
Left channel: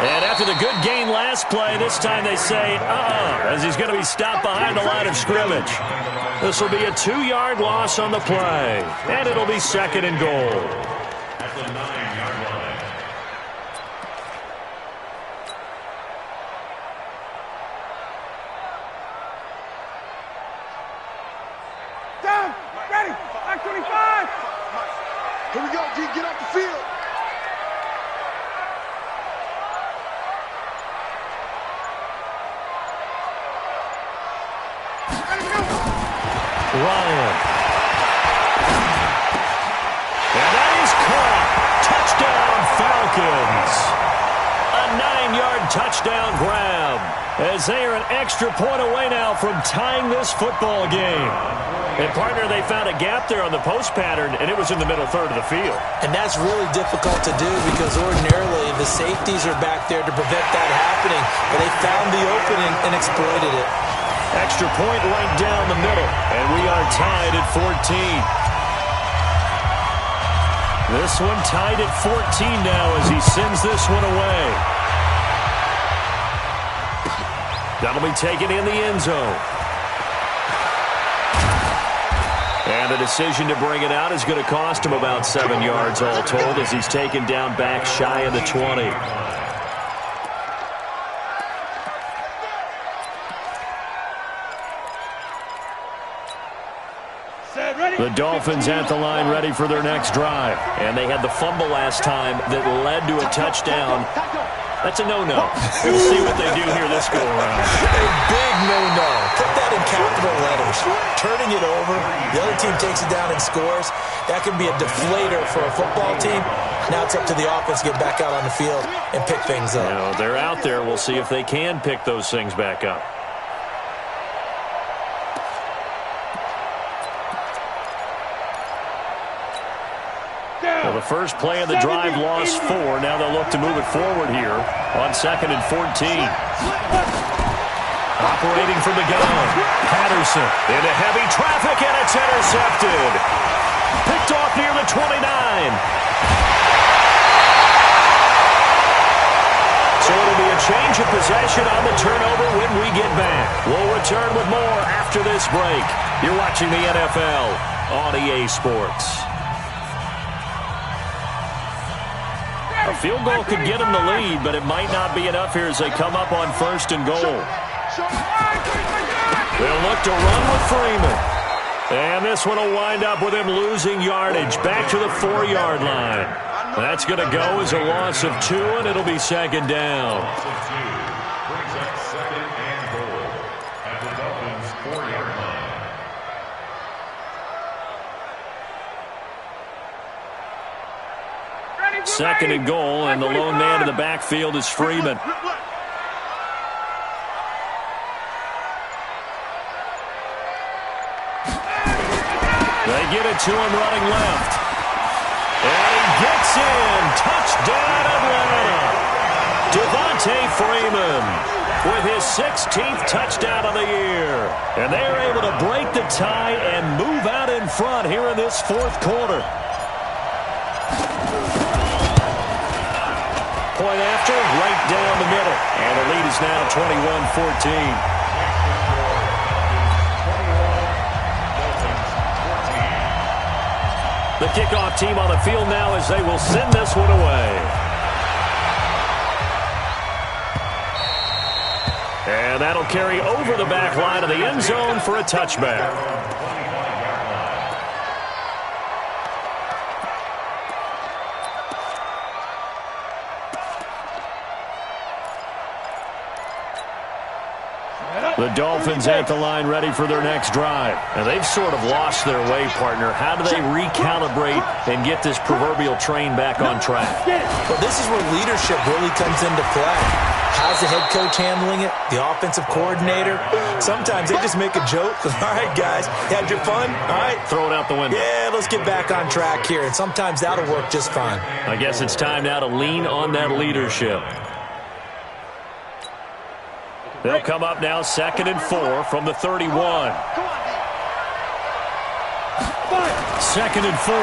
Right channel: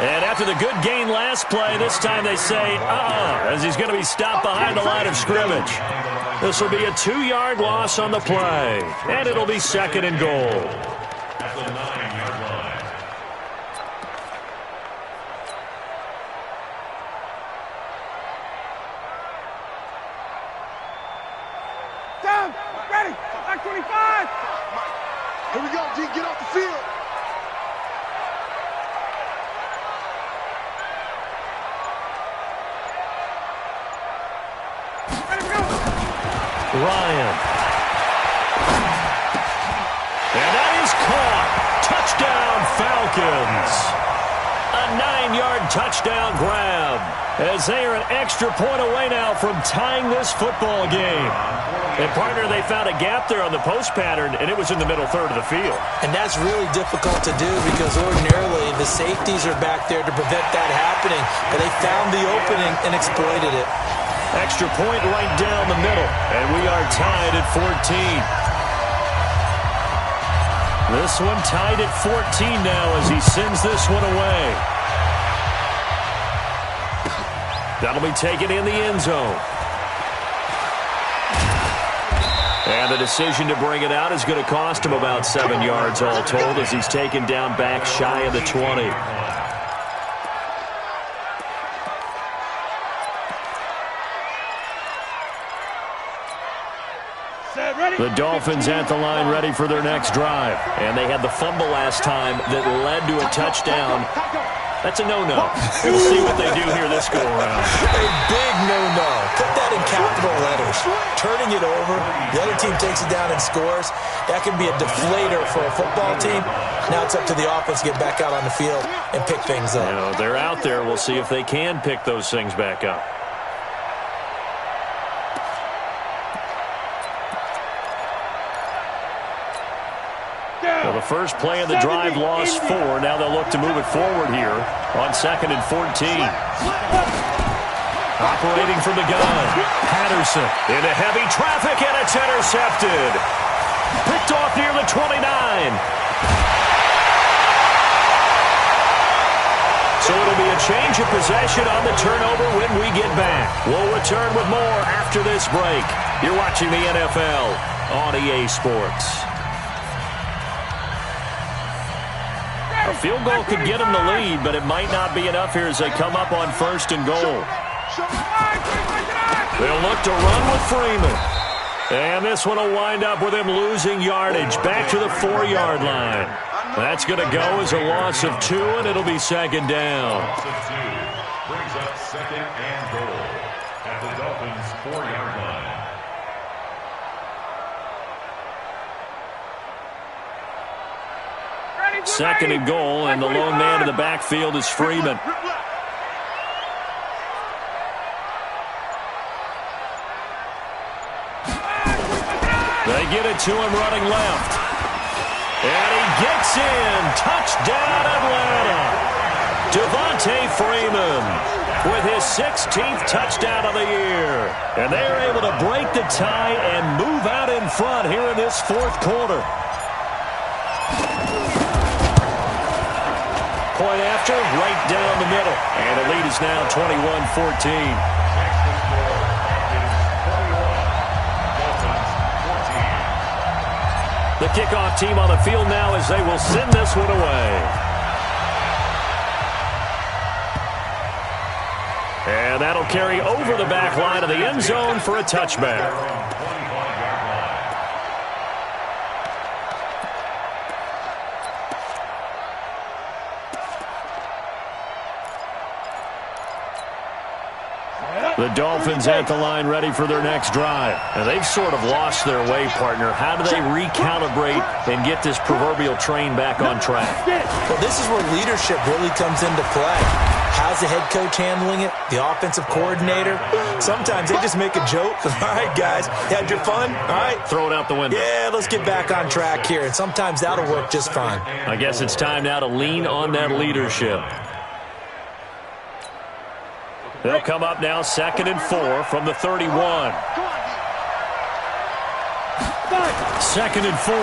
And after the good gain last play, this time they say, as he's going to be stopped behind the line of scrimmage. This will be a 2-yard loss on the play. And it'll be 2nd and goal. At the 9-yard line. Down, ready, back 25. Here we go, G. Get off the field. Ryan. And that is caught. Touchdown, Falcons. A 9-yard touchdown grab, as they are an extra point away now from tying this football game. And, partner, they found a gap there on the post pattern, and it was in the middle third of the field. And that's really difficult to do because ordinarily the safeties are back there to prevent that happening. But they found the opening and exploited it. Extra point right down the middle, and we are tied at 14. This one tied at 14 now as he sends this one away. That'll be taken in the end zone. And the decision to bring it out is going to cost him about 7 yards all told as he's taken down back shy of the 20. The Dolphins at the line ready for their next drive. And they had the fumble last time that led to a touchdown. That's a no-no. We'll see what they do here this go-around. A big no-no. Put that in capital letters. Turning it over, the other team takes it down and scores. That can be a deflator for a football team. Now it's up to the offense to get back out on the field and pick things up. You know, they're out there. We'll see if they can pick those things back up. Well, the first play of the drive lost 4. Now they'll look to move it forward here on 2nd and 14. Operating from the gun. Patterson into heavy traffic, and it's intercepted. Picked off near the 29. So it'll be a change of possession on the turnover when we get back. We'll return with more after this break. You're watching the NFL on EA Sports. A field goal could get them the lead, but it might not be enough here as they come up on 1st and goal. They'll look to run with Freeman. And this one will wind up with him losing yardage back to the 4-yard line. That's going to go as a loss of 2, and it'll be 2nd down. Loss of 2 brings up 2nd and goal at the Dolphins' 4-yard line. 2nd and goal, and the lone man in the backfield is Freeman. They get it to him running left. And he gets in. Touchdown, Atlanta. Devontae Freeman with his 16th touchdown of the year. And they are able to break the tie and move out in front here in this 4th quarter. Point after, right down the middle. And the lead is now 21-14. The kickoff team on the field now as they will send this one away. And that'll carry over the back line of the end zone for a touchback. The Dolphins at the line ready for their next drive. And they've sort of lost their way, partner. How do they recalibrate and get this proverbial train back on track? Well, this is where leadership really comes into play. How's the head coach handling it? The offensive coordinator? Sometimes they just make a joke. All right, guys, you had your fun? All right. Throw it out the window. Yeah, let's get back on track here. And sometimes that'll work just fine. I guess it's time now to lean on that leadership. They'll come up now 2nd and 4 from the 31. 2nd and 4.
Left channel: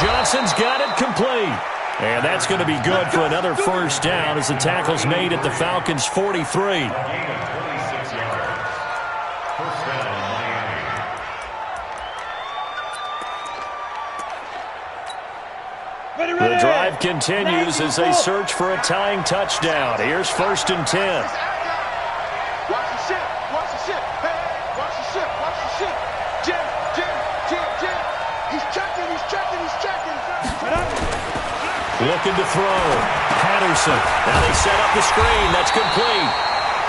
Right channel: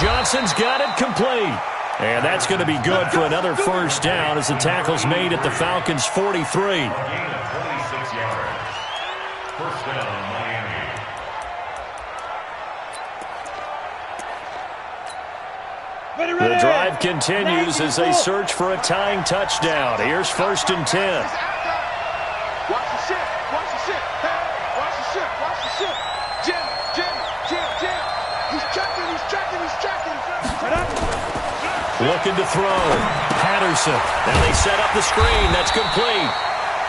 Johnson's got it complete. And that's going to be good for another 1st down as the tackle's made at the Falcons' 43. A gain of 26 yards. 1st down, Miami. The drive continues as they search for a tying touchdown. Here's 1st and 10. Watch the ship. Watch the ship. Hey, watch the ship. Watch the ship. Jim. He's checking. Looking to throw. Patterson. Now they set up the screen. That's complete.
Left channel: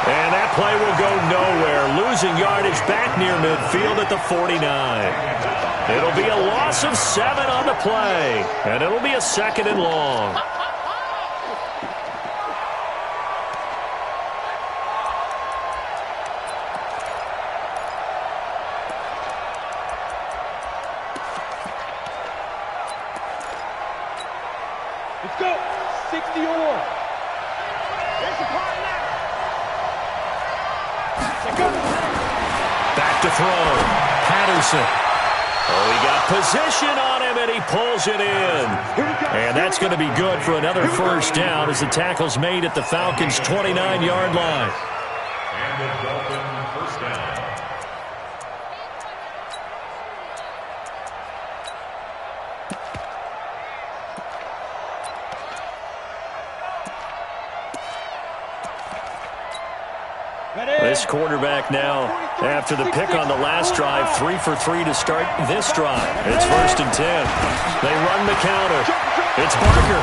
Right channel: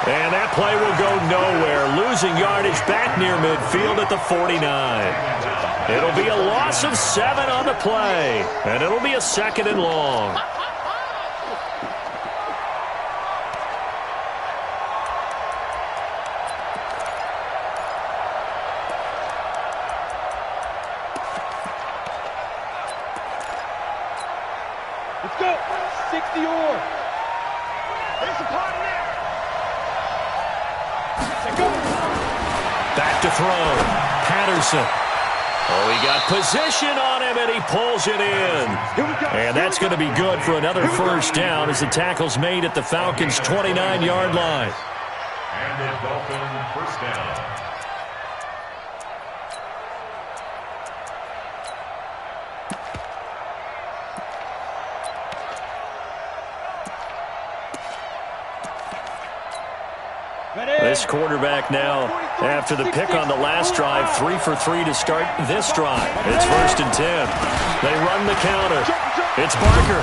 And that play will go nowhere. Losing yardage back near midfield at the 49. It'll be a loss of 7 on the play. And it'll be a 2nd and long. Let's go. 60 or. Here's the party now. Back to throw. Patterson. Oh, he got position on him, and he pulls it in. And that's going to be good for another 1st down as the tackle's made at the Falcons' 29-yard line. And a Dolphin 1st down. This quarterback now, after the pick on the last drive, 3 for 3 to start this drive. It's 1st and 10. They run the counter. It's Barker.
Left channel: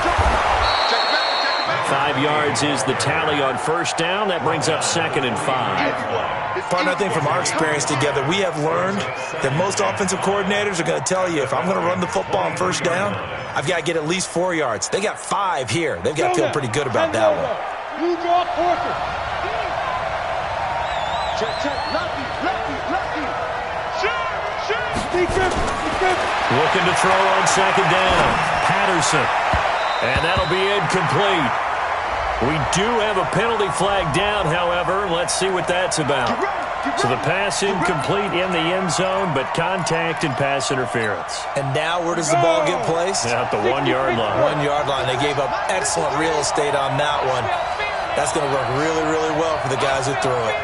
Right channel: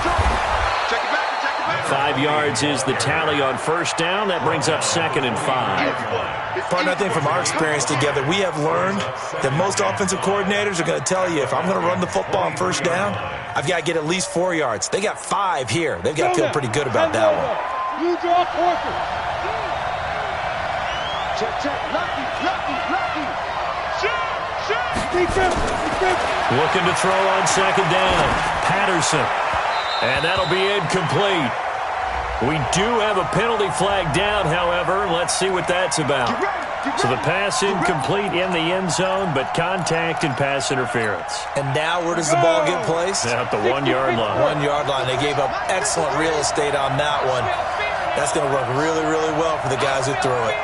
5 yards is the tally on 1st down. That brings up 2nd and 5. Partner, I think from our experience together, we have learned that most offensive coordinators are going to tell you, if I'm going to run the football on 1st down, I've got to get at least 4 yards. They got 5 here. They've got to feel pretty good about that one. You draw Porter. Check. Lucky. Looking to throw on 2nd down. Patterson. And that'll be incomplete. We do have a penalty flag down, however. Let's see what that's about. So the pass incomplete in the end zone, but contact and pass interference. And now where does the ball get placed? At the 1-yard line. 1-yard line. They gave up excellent real estate on that one. That's going to work really, really well for the guys who threw it.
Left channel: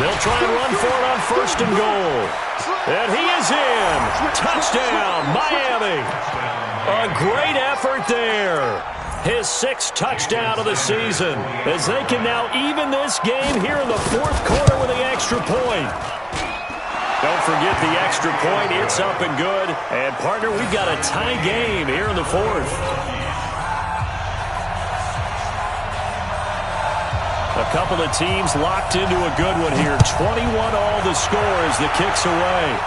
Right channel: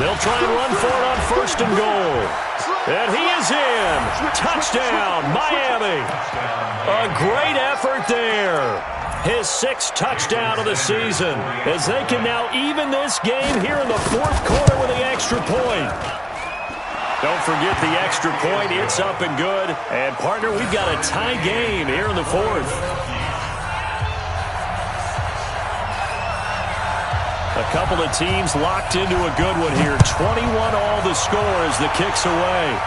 They'll try and run for it on 1st and goal. And he is in. Touchdown, Miami. A great effort there. His 6th touchdown of the season, as they can now even this game here in the 4th quarter with the extra point. Don't forget the extra point. It's up and good. And, partner, we've got a tie game here in the 4th. A couple of teams locked into a good one here. 21 all the score as the kick's away.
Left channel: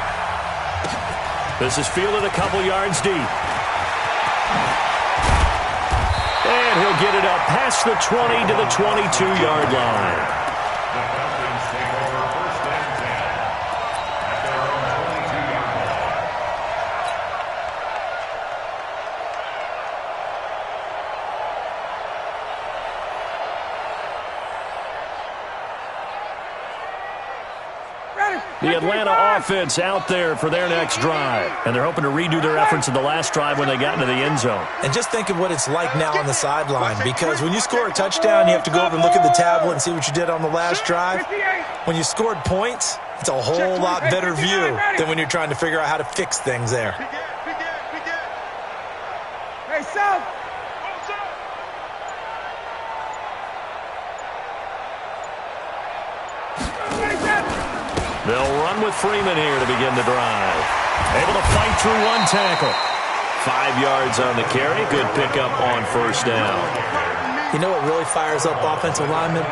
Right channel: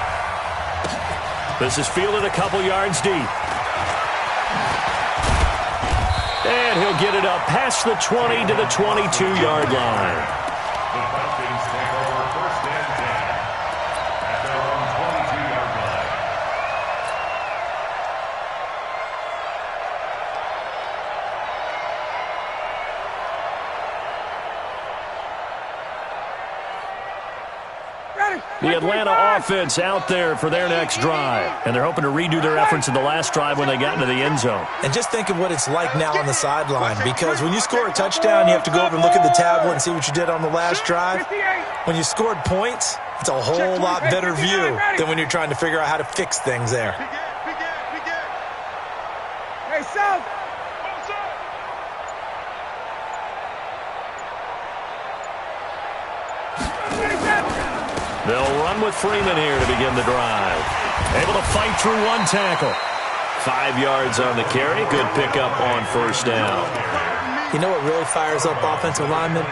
This is fielded a couple yards deep. And he'll get it up past the 20 to the 22-yard line. The Falcons take over 1st and 10 at their own 22-yard line. The Atlanta offense out there for their next drive. And they're hoping to redo their efforts in the last drive when they got into the end zone. And just think of what it's like now on the sideline, because when you score a touchdown, you have to go over and look at the tablet and see what you did on the last drive. When you scored points, it's a whole lot better view than when you're trying to figure out how to fix things there. Hey, South. They'll run with Freeman here to begin the drive. Able to fight through one tackle. 5 yards on the carry. Good pickup on 1st down. You know what really fires up offensive linemen?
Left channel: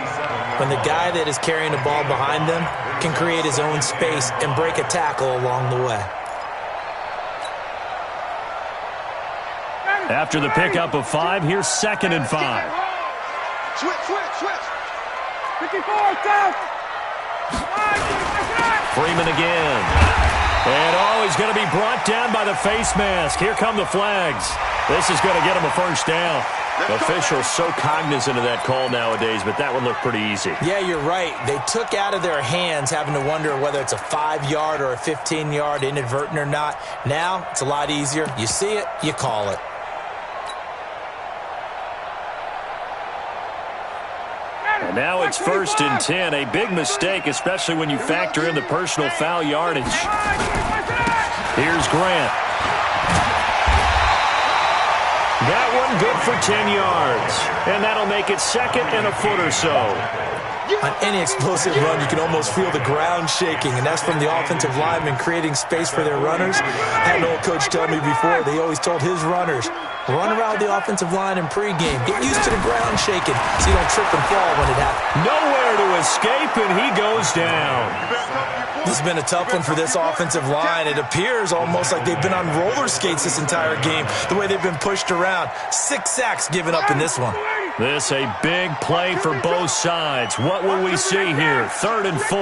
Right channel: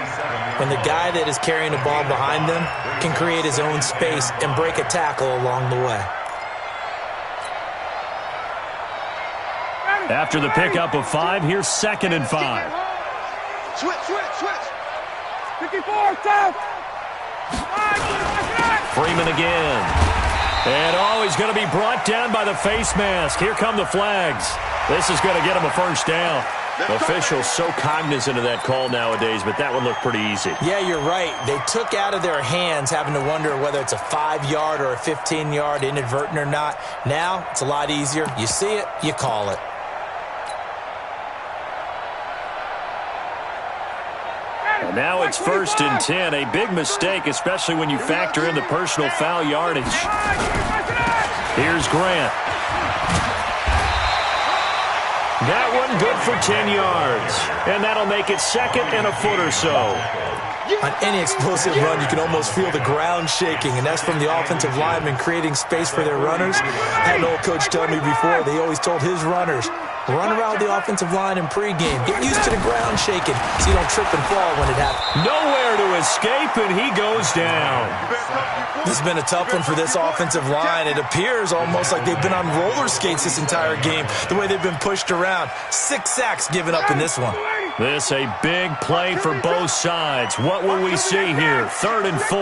When the guy that is carrying the ball behind them can create his own space and break a tackle along the way. After the pickup of 5, here's 2nd and 5. Switch. 54, South. Freeman again. And, he's going to be brought down by the face mask. Here come the flags. This is going to get him a 1st down. Officials so cognizant of that call nowadays, but that one looked pretty easy. Yeah, you're right. They took out of their hands having to wonder whether it's a 5-yard or a 15-yard inadvertent or not. Now, it's a lot easier. You see it, you call it. And now it's 1st and 10. A big mistake, especially when you factor in the personal foul yardage. Here's Grant. That one good for 10 yards. And that'll make it 2nd and a foot or so. On any explosive run, you can almost feel the ground shaking, and that's from the offensive linemen creating space for their runners. I had an old coach tell me before, they always told his runners, run around the offensive line in pregame. Get used to the ground shaking so you don't trip and fall when it happens. Nowhere to escape, and he goes down. This has been a tough one for this offensive line. It appears almost like they've been on roller skates this entire game, the way they've been pushed around. 6 sacks given up in this one. This a big play for both sides. What will we see here? 3rd and 4.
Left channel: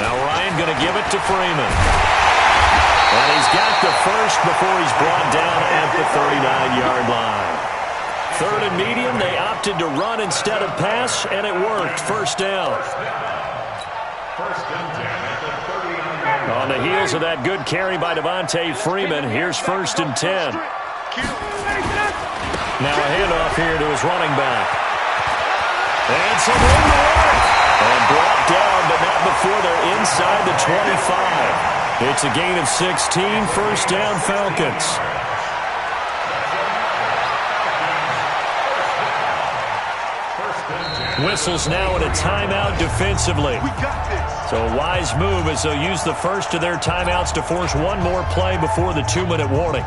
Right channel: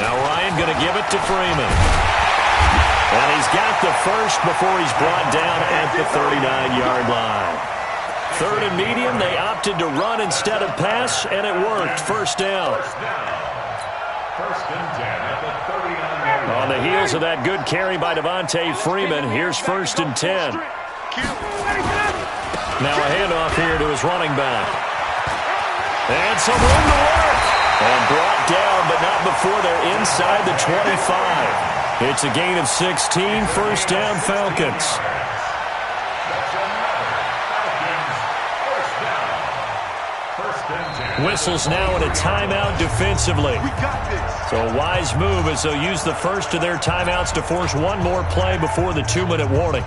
Now Ryan going to give it to Freeman. And he's got the first before he's brought down at the 39-yard line. 3rd and medium, they opted to run instead of pass, and it worked. 1st down. 1st and 10 at the 39-yard line. On the heels of that good carry by Devontae Freeman, here's 1st and 10. Now a handoff here to his running back. And some room to work. And brought down, but not before they're inside the 25. It's a gain of 16, 1st down Falcons. Whistles now in a timeout defensively. We got this. So a wise move as they'll use the first of their timeouts to force one more play before the 2-minute warning.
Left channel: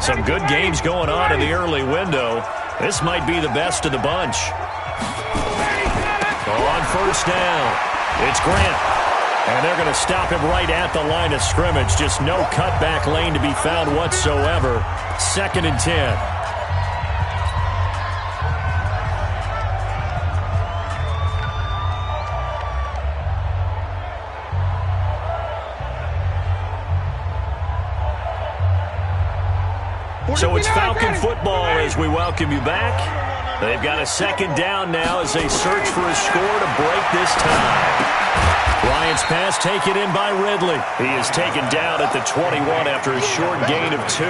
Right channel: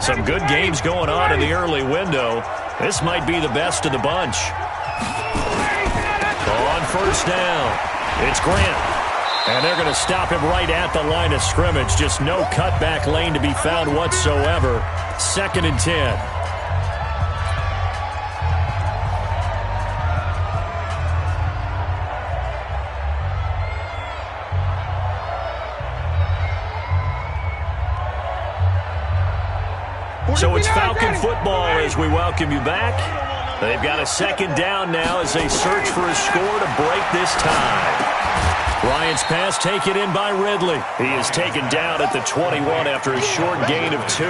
Some good games going on in the early window. This might be the best of the bunch. On first down, it's Grant. And they're going to stop him right at the line of scrimmage. Just no cutback lane to be found whatsoever. 2nd and 10. So it's Falcon football as we welcome you back. They've got a 2nd down now as they search for a score to break this tie. Bryant's pass taken in by Ridley. He is taken down at the 21 after a short gain of 2.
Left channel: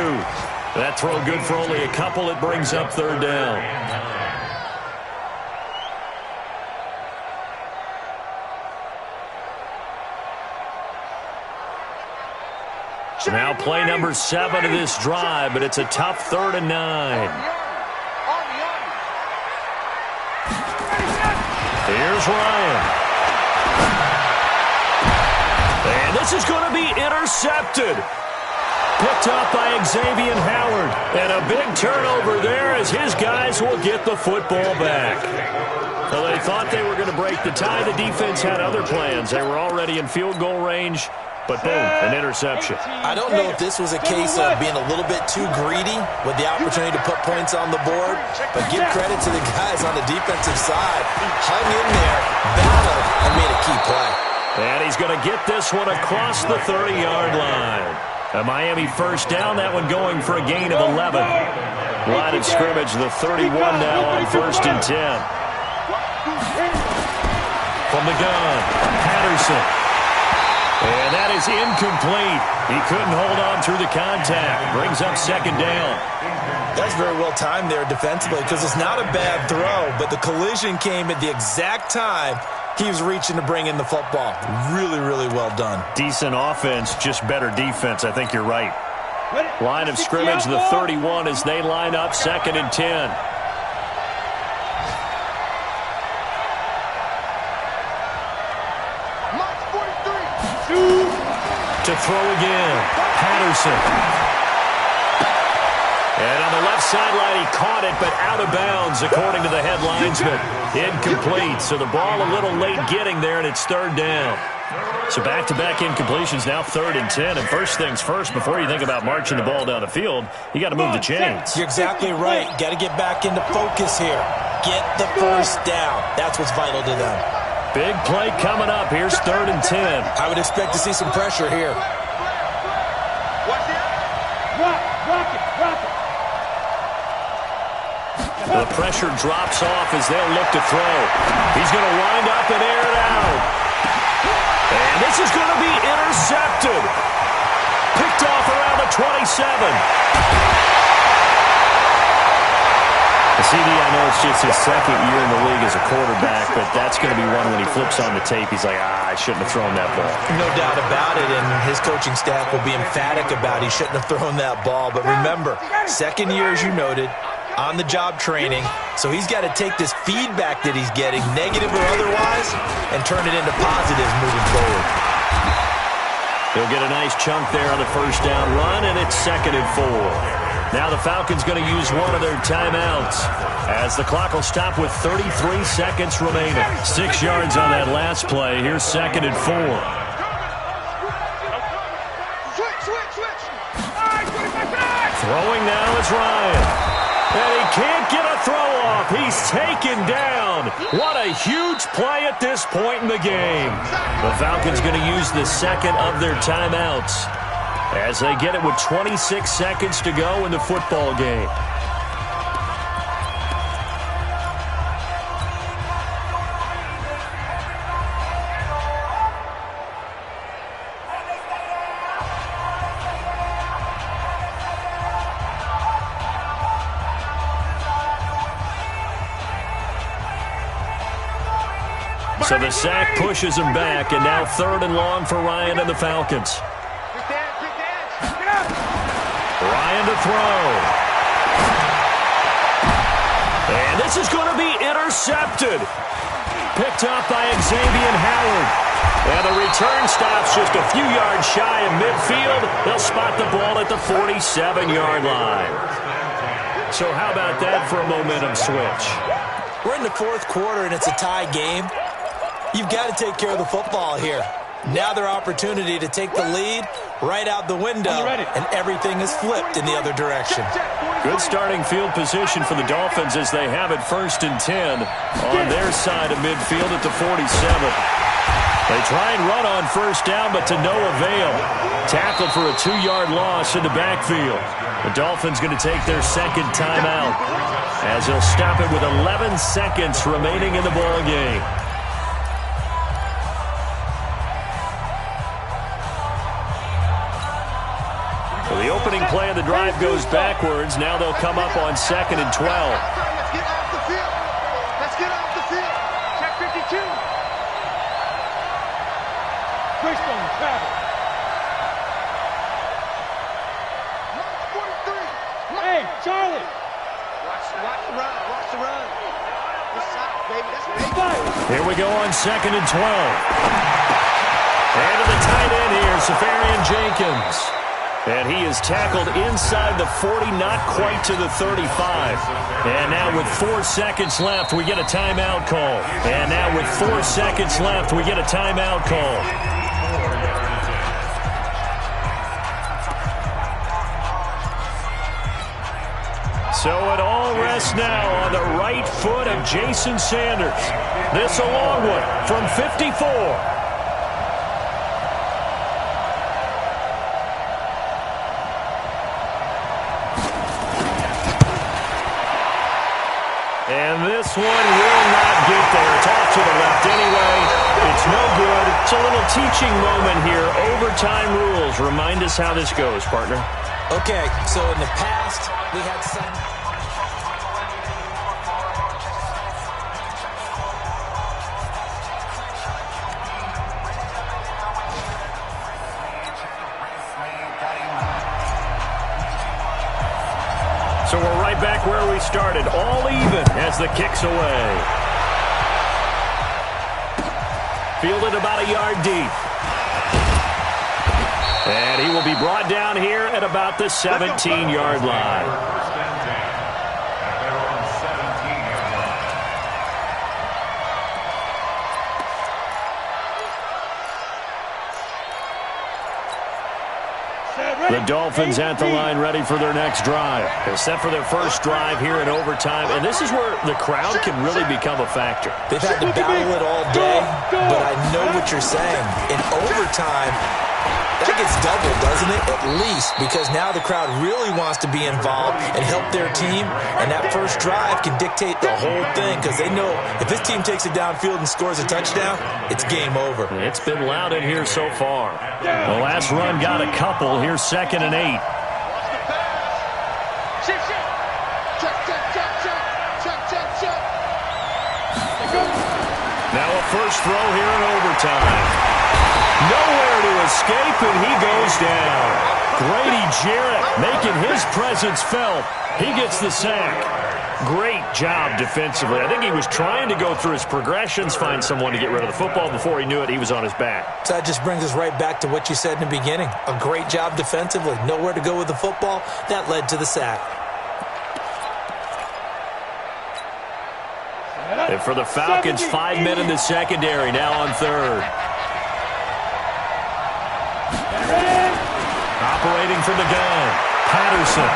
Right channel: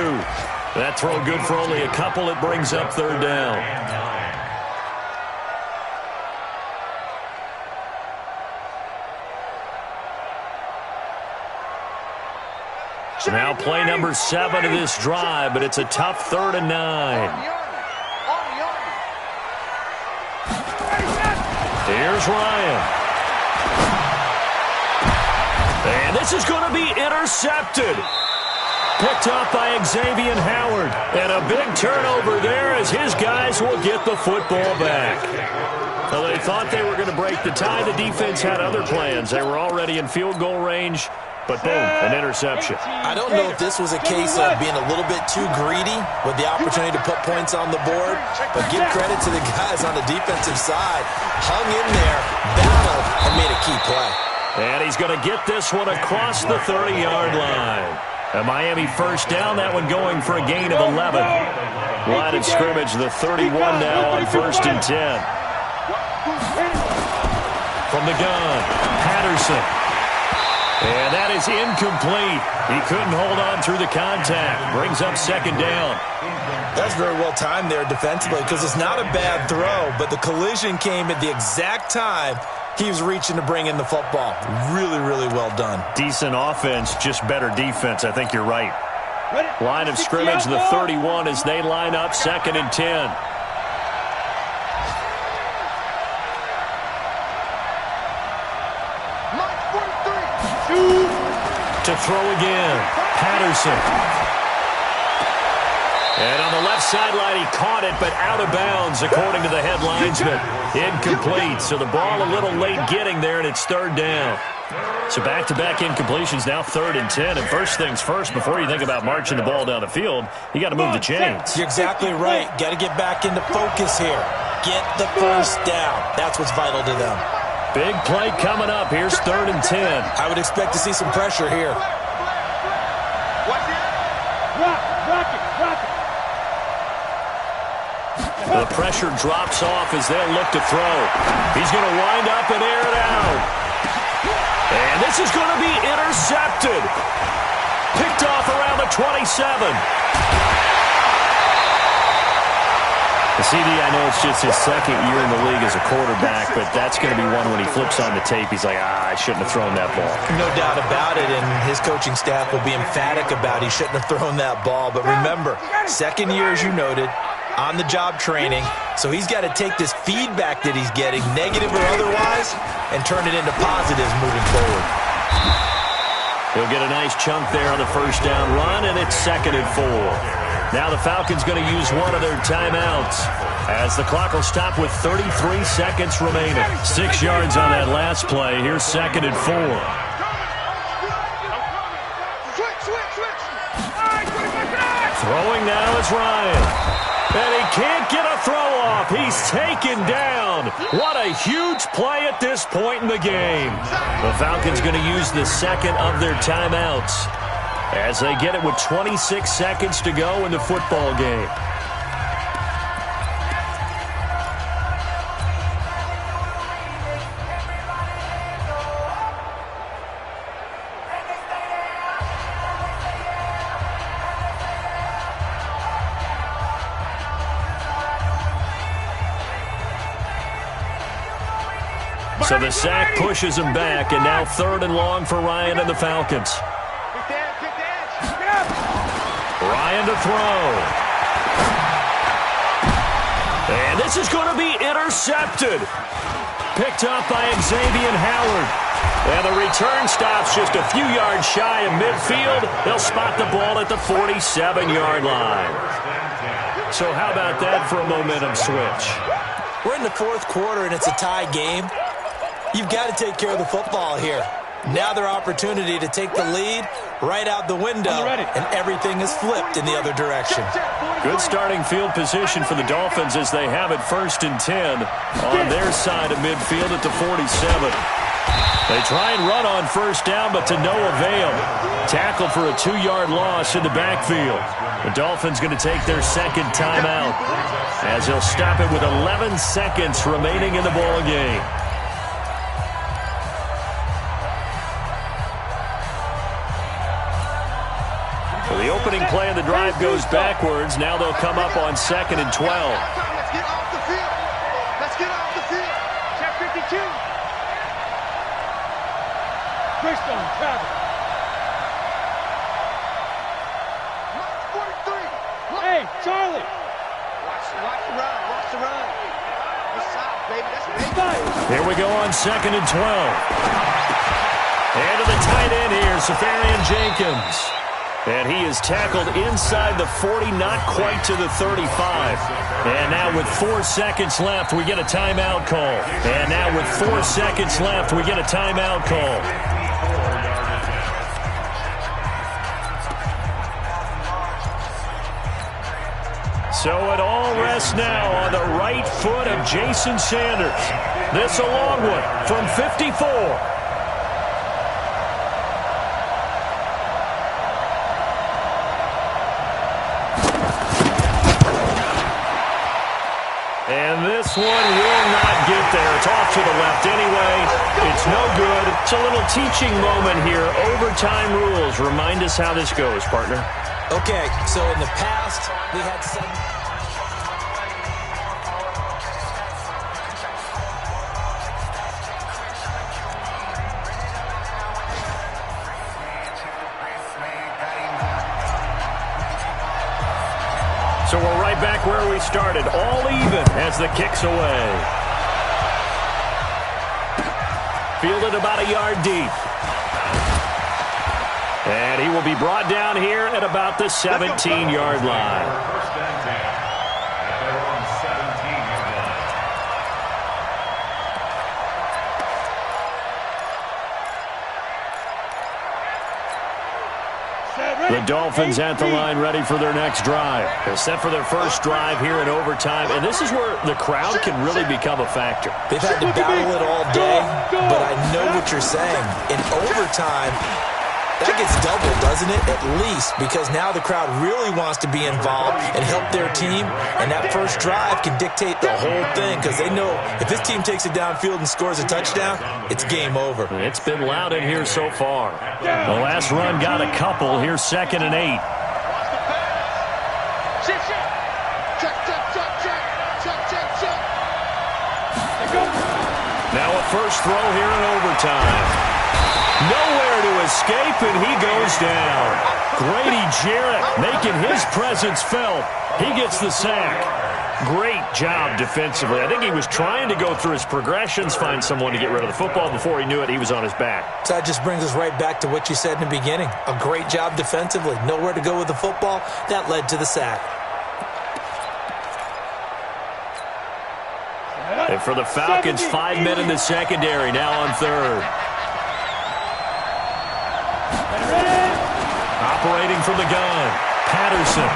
That throw good for only a couple. It brings up 3rd down. Now play number 7 of this drive, but it's a tough 3rd and 9. Here's Ryan. And this is going to be intercepted. Picked up by Xavier Howard. And a big turnover there as his guys will get the football back. So they thought they were going to break the tie. The defense had other plans. They were already in field goal range. But boom, an interception. I don't know if this was a case of being a little bit too greedy with the opportunity to put points on the board, but give credit to the guys on the defensive side. Hung in there, battled, and made a key play. And he's going to get this one across the 30-yard line. A Miami first down, that one going for a gain of 11. Line of scrimmage, the 31 now on 1st and 10. From the gun, Patterson. And that is incomplete. He couldn't hold on through the contact. Brings up 2nd down. That's very well timed there defensively because it's not a bad throw, but the collision came at the exact time he was reaching to bring in the football. Really, really well done. Decent offense, just better defense. I think you're right. Line of scrimmage, the 31 as they line up 2nd and 10. To throw again, Patterson. And on the left sideline, he caught it, but out of bounds, according to the head linesman. Incomplete, so the ball a little late getting there, and it's 3rd down. So back-to-back incompletions, now 3rd and 10. And first things first, before you think about marching the ball down the field, you got to move the chains. You're exactly right. Got to get back into focus here. Get the first down. That's what's vital to them. Big play coming up. Here's 3rd and 10. I would expect to see some pressure here. Rock it. The pressure drops off as they'll look to throw. He's going to wind up and air it out. And this is going to be intercepted. Picked off around the 27. CD, I know it's just his 2nd year in the league as a quarterback, but that's going to be one when he flips on the tape. He's like, I shouldn't have thrown that ball. No doubt about it, and his coaching staff will be emphatic about he shouldn't have thrown that ball. But remember, 2nd year, as you noted, on-the-job training, so he's got to take this feedback that he's getting, negative or otherwise, and turn it into positives moving forward. He'll get a nice chunk there on the first down run, and it's 2nd and 4. Now the Falcons going to use one of their timeouts as the clock will stop with 33 seconds remaining. 6 yards on that last play. Here's 2nd and 4. Throwing now is Ryan. And he can't get a throw off. He's taken down. What a huge play at this point in the game. The Falcons going to use the 2nd of their timeouts as they get it with 26 seconds to go in the football game. So the sack pushes him back, and now 3rd and long for Ryan and the Falcons. Ryan to throw. And this is going to be intercepted. Picked up by Xavier Howard. And the return stops just a few yards shy of midfield. They'll spot the ball at the 47-yard line. So how about that for a momentum switch? We're in the fourth quarter, and it's a tie game. You've got to take care of the football here. Now their opportunity to take the lead right out the window, and everything is flipped in the other direction. Good starting field position for the Dolphins as they have it 1st and 10 on their side of midfield at the 47. They try and run on first down, but to no avail. Tackled for a 2-yard loss in the backfield. The Dolphins going to take their second timeout as they'll stop it with 11 seconds remaining in the ball game. So the opening play of the drive goes backwards. Now they'll come up on 2nd and 12. Let's get off the field. Let's get off the field. Check 52. Greystone, travel. Mark 43. Hey, Charlie. Watch the run. Watch the run. We're south, baby. That's baby. Here we go on 2nd and 12. And to the tight end here, Safarian Jenkins. And he is tackled inside the 40, not quite to the 35. And now with 4 seconds left, we get a timeout call. And now with 4 seconds left, we get a timeout call. So it all rests now on the right foot of Jason Sanders. This a long one from 54. And this one will not get there. It's off to the left anyway. It's no good. It's a little teaching moment here. Overtime rules. Remind us how this goes, partner. Okay, so in the past, we had some... So we're right back where we started, all even as the kick's away. Fielded about a yard deep. And he will be brought down here at about the 17-yard line. First and 10 at their own 17-yard line. The Dolphins at the line ready for their next drive. They're set for their first drive here in overtime, and this is where the crowd can really become a factor. They've had to battle it all day, but I know what you're saying. In overtime, that gets doubled, doesn't it? At least, because now the crowd really wants to be involved and help their team, and that first drive can dictate the whole thing because they know if this team takes it downfield and scores a touchdown, it's game over. It's been loud in here so far. The last run got a couple. Here's 2nd and 8. Watch the pass. Shift. Check. They go. Now a first throw here in overtime. Nowhere to escape, and he goes down. Grady Jarrett making his presence felt. He gets the sack. Great job defensively. I think he was trying to go through his progressions, find someone to get rid of the football. Before he knew it, he was on his back. So that just brings us right back to what you said in the beginning. A great job defensively. Nowhere to go with the football. That led to the sack. And for the Falcons, 5 men in the secondary, now on 3rd. Operating from the gun, Patterson.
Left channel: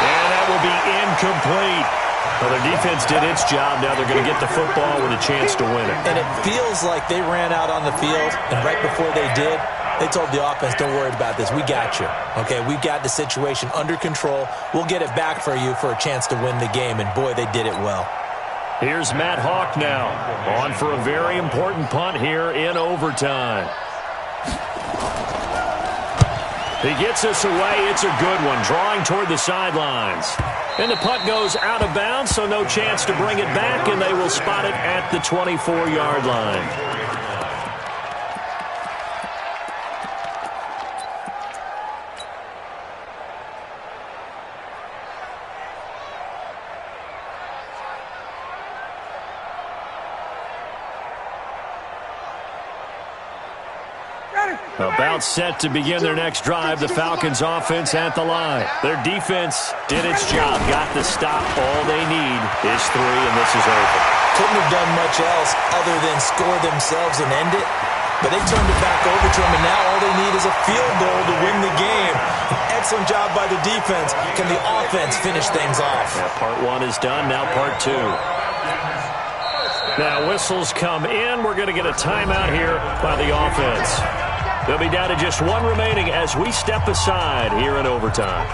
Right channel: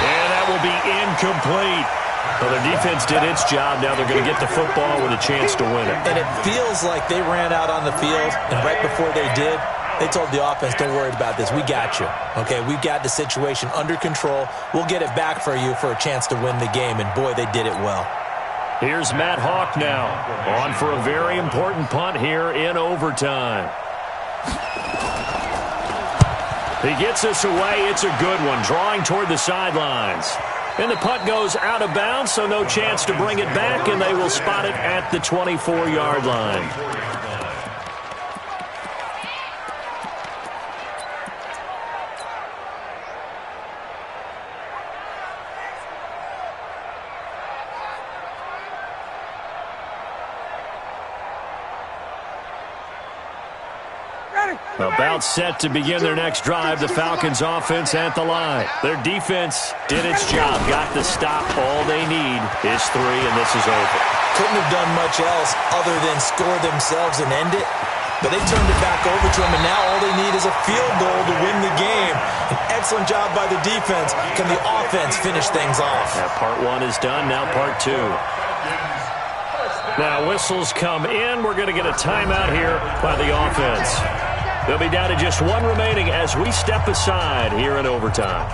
And that will be incomplete. Well, their defense did its job. Now they're going to get the football with a chance to win it. And it feels like they ran out on the field, and right before they did, they told the offense, don't worry about this. We got you. Okay, we've got the situation under control. We'll get it back for you for a chance to win the game. And, boy, they did it well. Here's Matt Hawk now, on for a very important punt here in overtime. He gets us away. It's a good one, drawing toward the sidelines. And the punt goes out of bounds, so no chance to bring it back, and they will spot it at the 24-yard line. About set to begin their next drive, the Falcons offense at the line. Their defense did its job, got the stop. All they need is 3, and this is over. Couldn't have done much else other than score themselves and end it. But they turned it back over to them, and now all they need is a field goal to win the game. An excellent job by the defense. Can the offense finish things off? Now part 1 is done, now part 2. Now whistles come in. We're going to get a timeout here by the offense. They'll be down to just 1 remaining as we step aside here in overtime.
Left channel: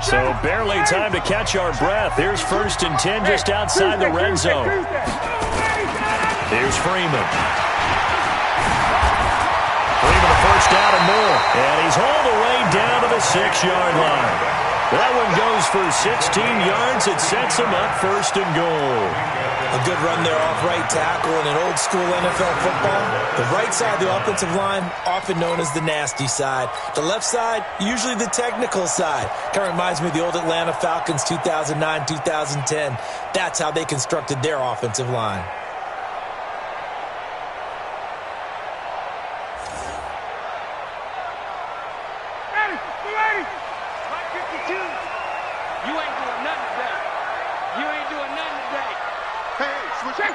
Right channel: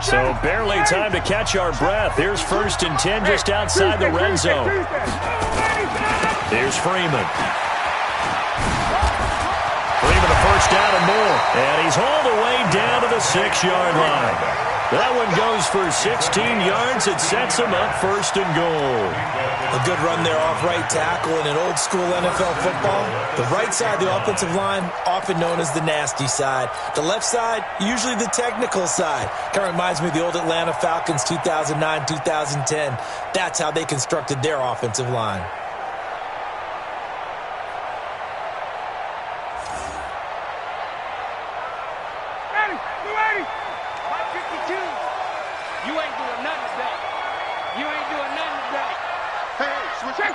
So barely time to catch our breath. Here's 1st and 10 just outside the red zone. Here's Freeman. Freeman a first down and more. And he's all the way down to the 6-yard line. That one goes for 16 yards. It sets him up 1st and goal. A good run there off right tackle in an old-school NFL football. The right side of the offensive line, often known as the nasty side. The left side, usually the technical side. Kind of reminds me of the old Atlanta Falcons 2009-2010. That's how they constructed their offensive line. Ready, 52. You ain't doing nothing today. You ain't doing nothing today. Hey, switch. Check.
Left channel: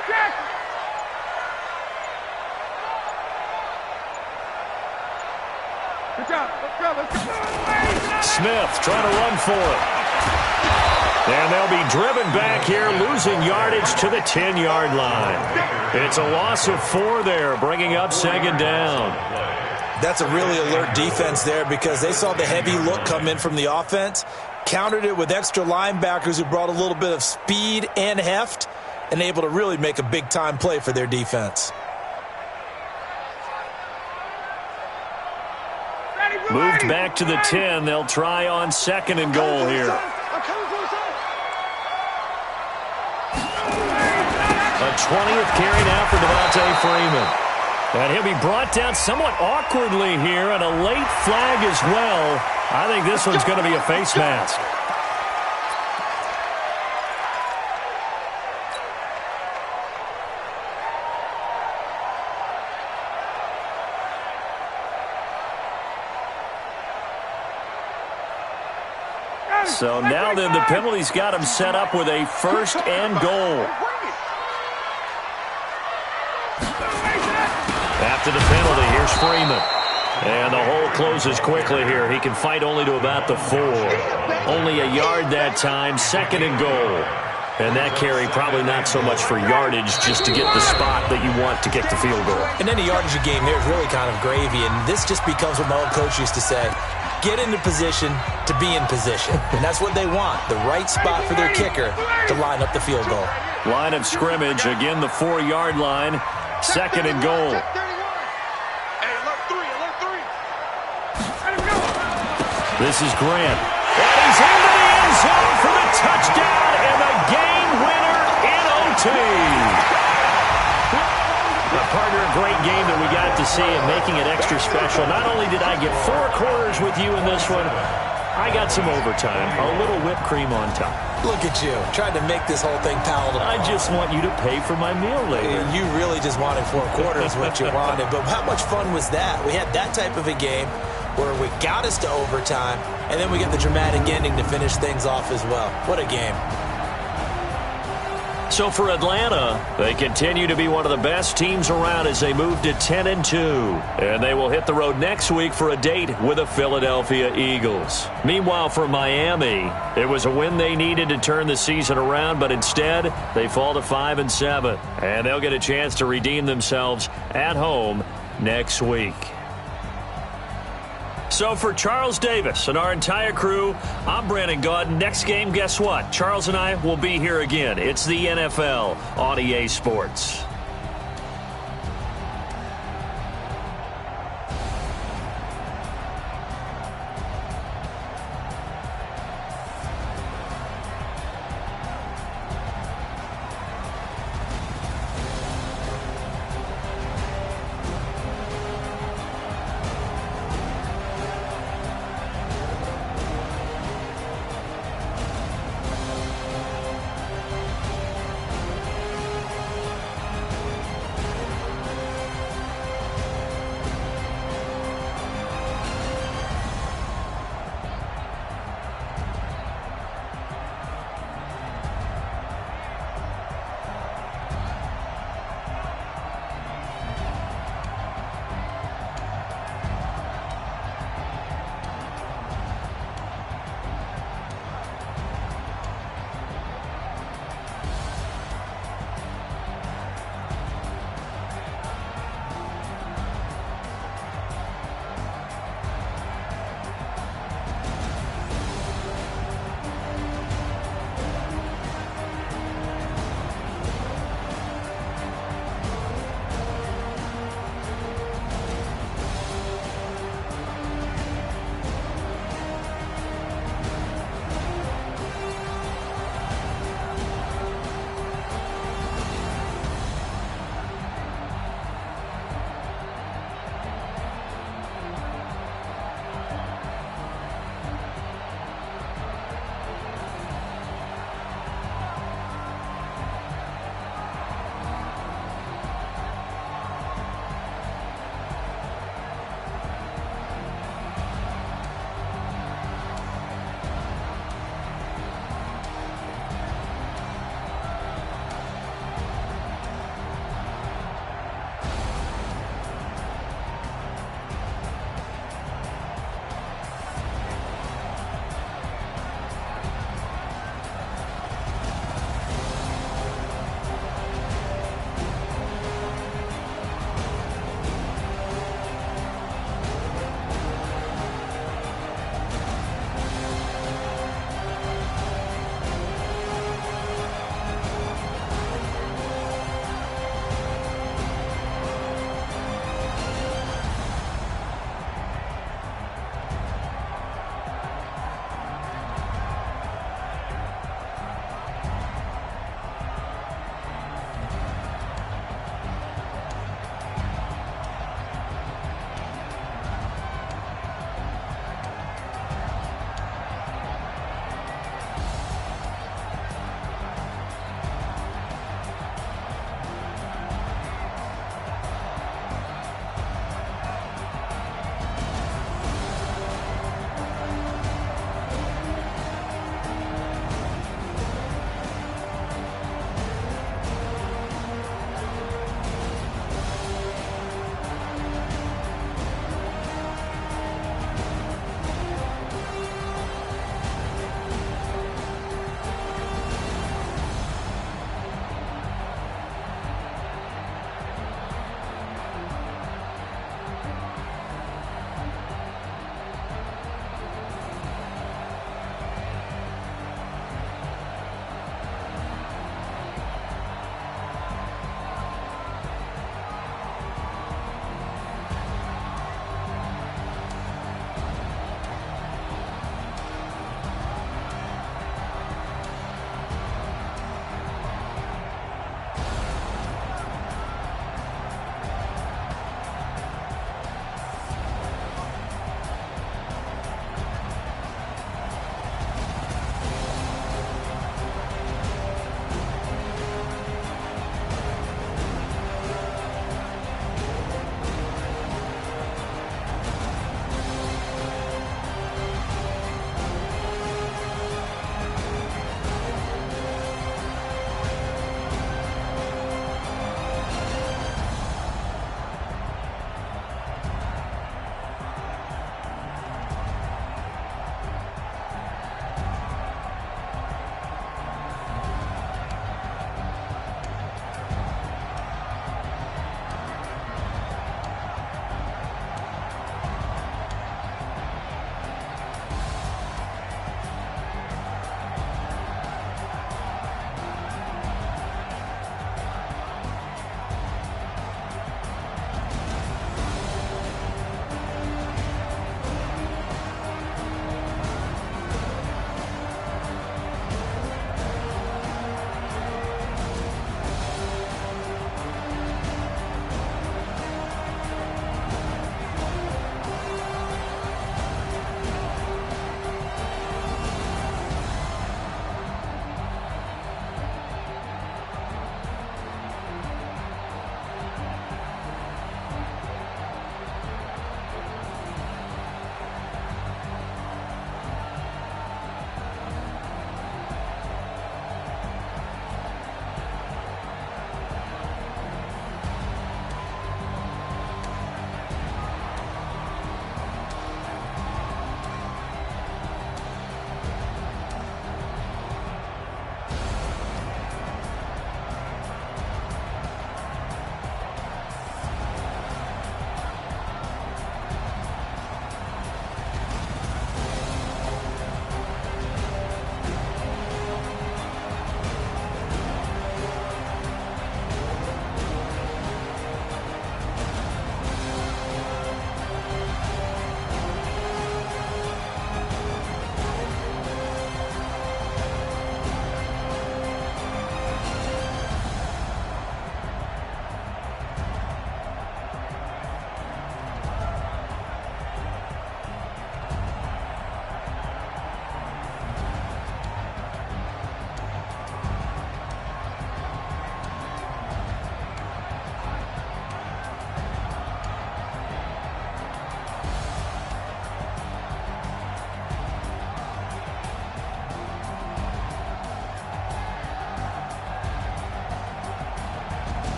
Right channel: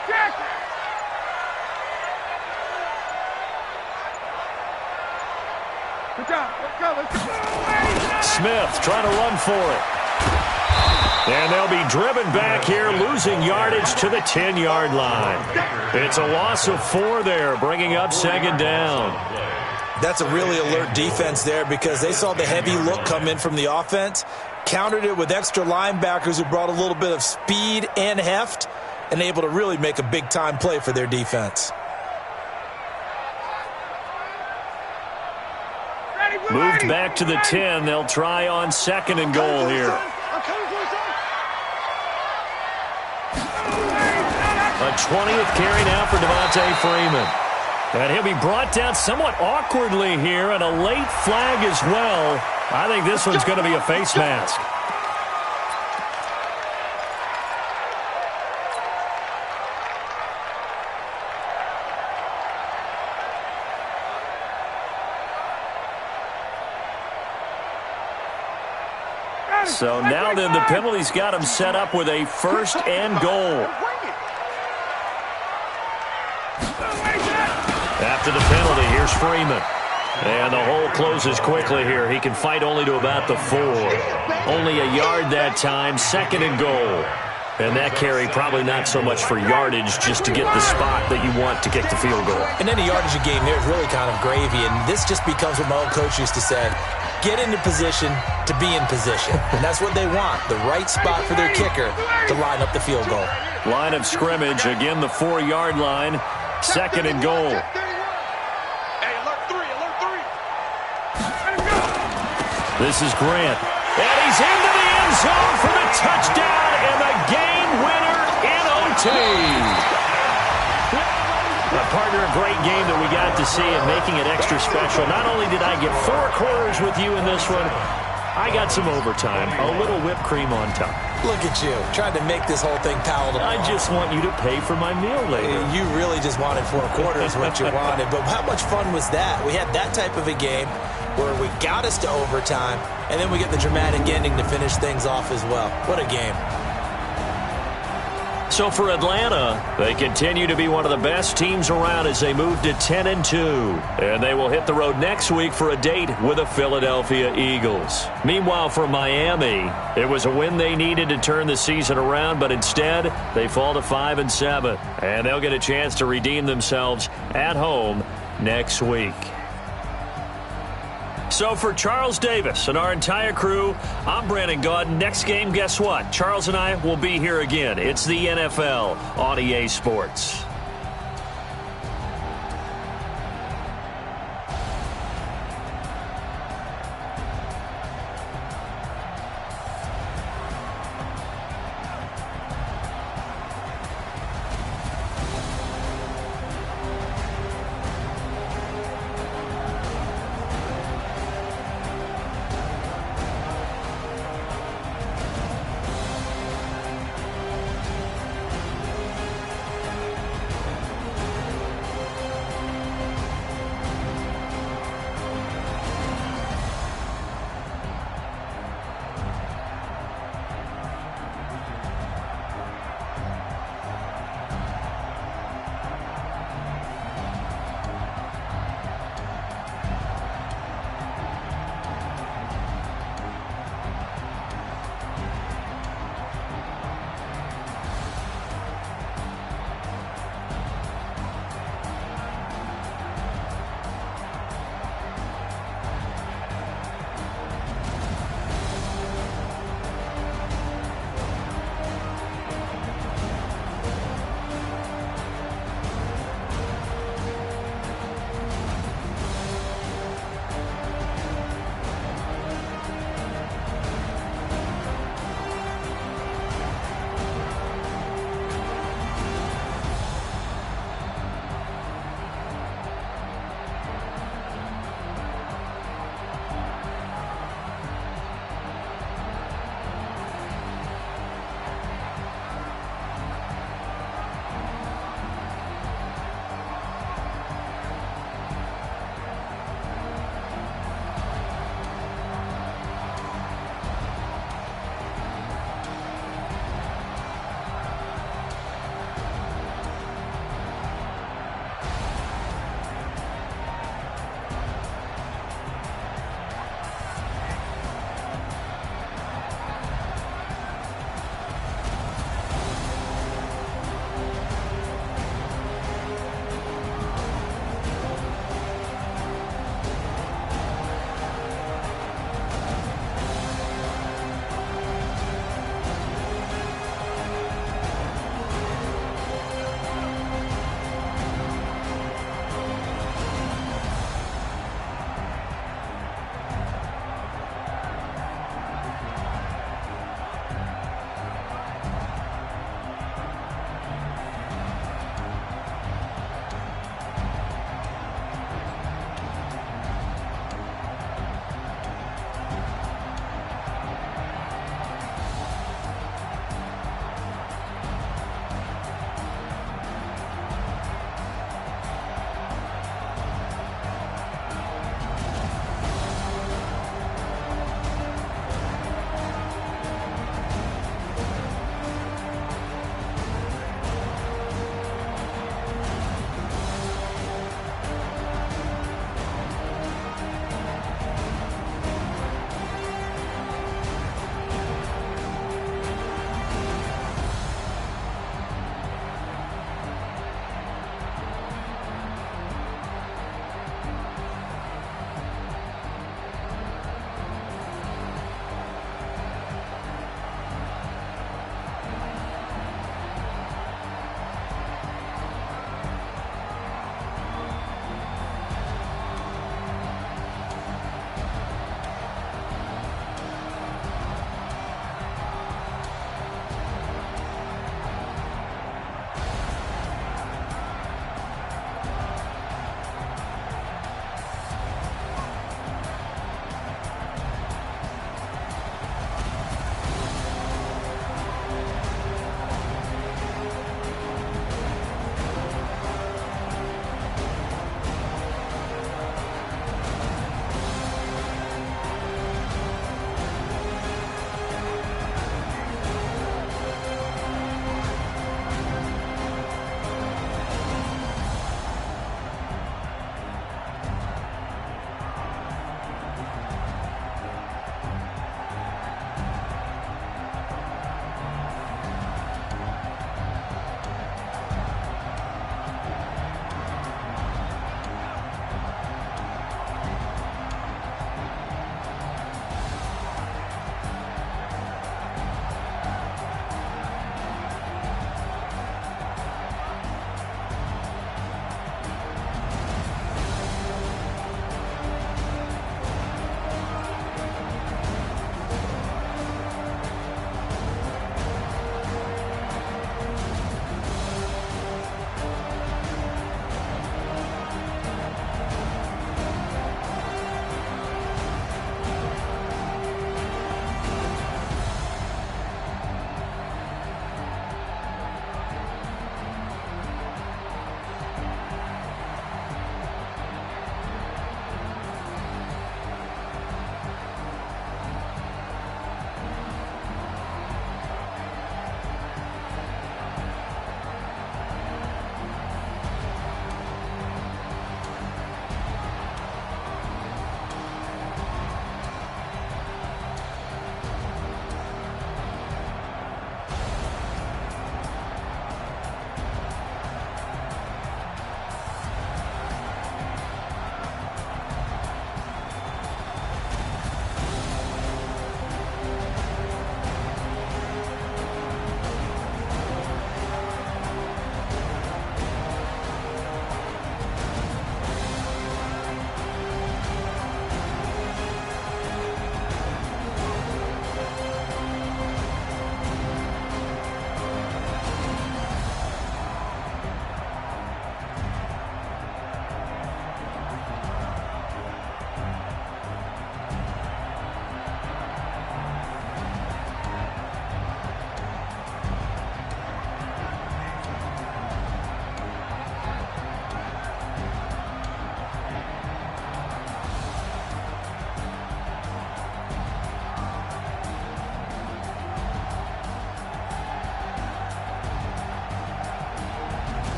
Good job. Let's go. Smith trying to run for it. And they'll be driven back here, losing yardage to the 10-yard line. It's a loss of 4 there, bringing up 2nd down. That's a really alert defense there because they saw the heavy look come in from the offense, countered it with extra linebackers who brought a little bit of speed and heft, and able to really make a big-time play for their defense. Moved back to the 10. They'll try on 2nd and goal here. A 20th carry now for Devontae Freeman. And he'll be brought down somewhat awkwardly here, and a late flag as well. I think this one's going to be a face mask. So now then the penalty's got him set up with a 1st and goal. After the penalty, here's Freeman. And the hole closes quickly here. He can fight only to about the 4. Only a yard that time, 2nd and goal. And that carry probably not so much for yardage, just to get the spot that you want to kick the field goal. And any yardage you gain there is really kind of gravy. And this just becomes what my old coach used to say. Get into position to be in position. And that's what they want, the right spot for their kicker to line up the field goal. Line of scrimmage, again the 4-yard line, 2nd and goal. Hey, alert 3. This is Grant. And he's into the end zone for the touchdown and the game winner in OT. Partner, a great game that we got to see and making it extra special. Not only did I get 4 quarters with you in this one, I got some overtime, a little whipped cream on top. Look at you, trying to make this whole thing palatable. I just want you to pay for my meal later. You really just wanted 4 quarters, what you wanted. But how much fun was that? We had that type of a game where we got us to overtime, and then we get the dramatic ending to finish things off as well. What a game. So for Atlanta, they continue to be one of the best teams around as they move to 10-2. And they will hit the road next week for a date with the Philadelphia Eagles. Meanwhile, for Miami, it was a win they needed to turn the season around, but instead, they fall to 5-7. And they'll get a chance to redeem themselves at home next week. So for Charles Davis and our entire crew, I'm Brandon Gaudin. Next game, guess what? Charles and I will be here again. It's the NFL on EA Sports.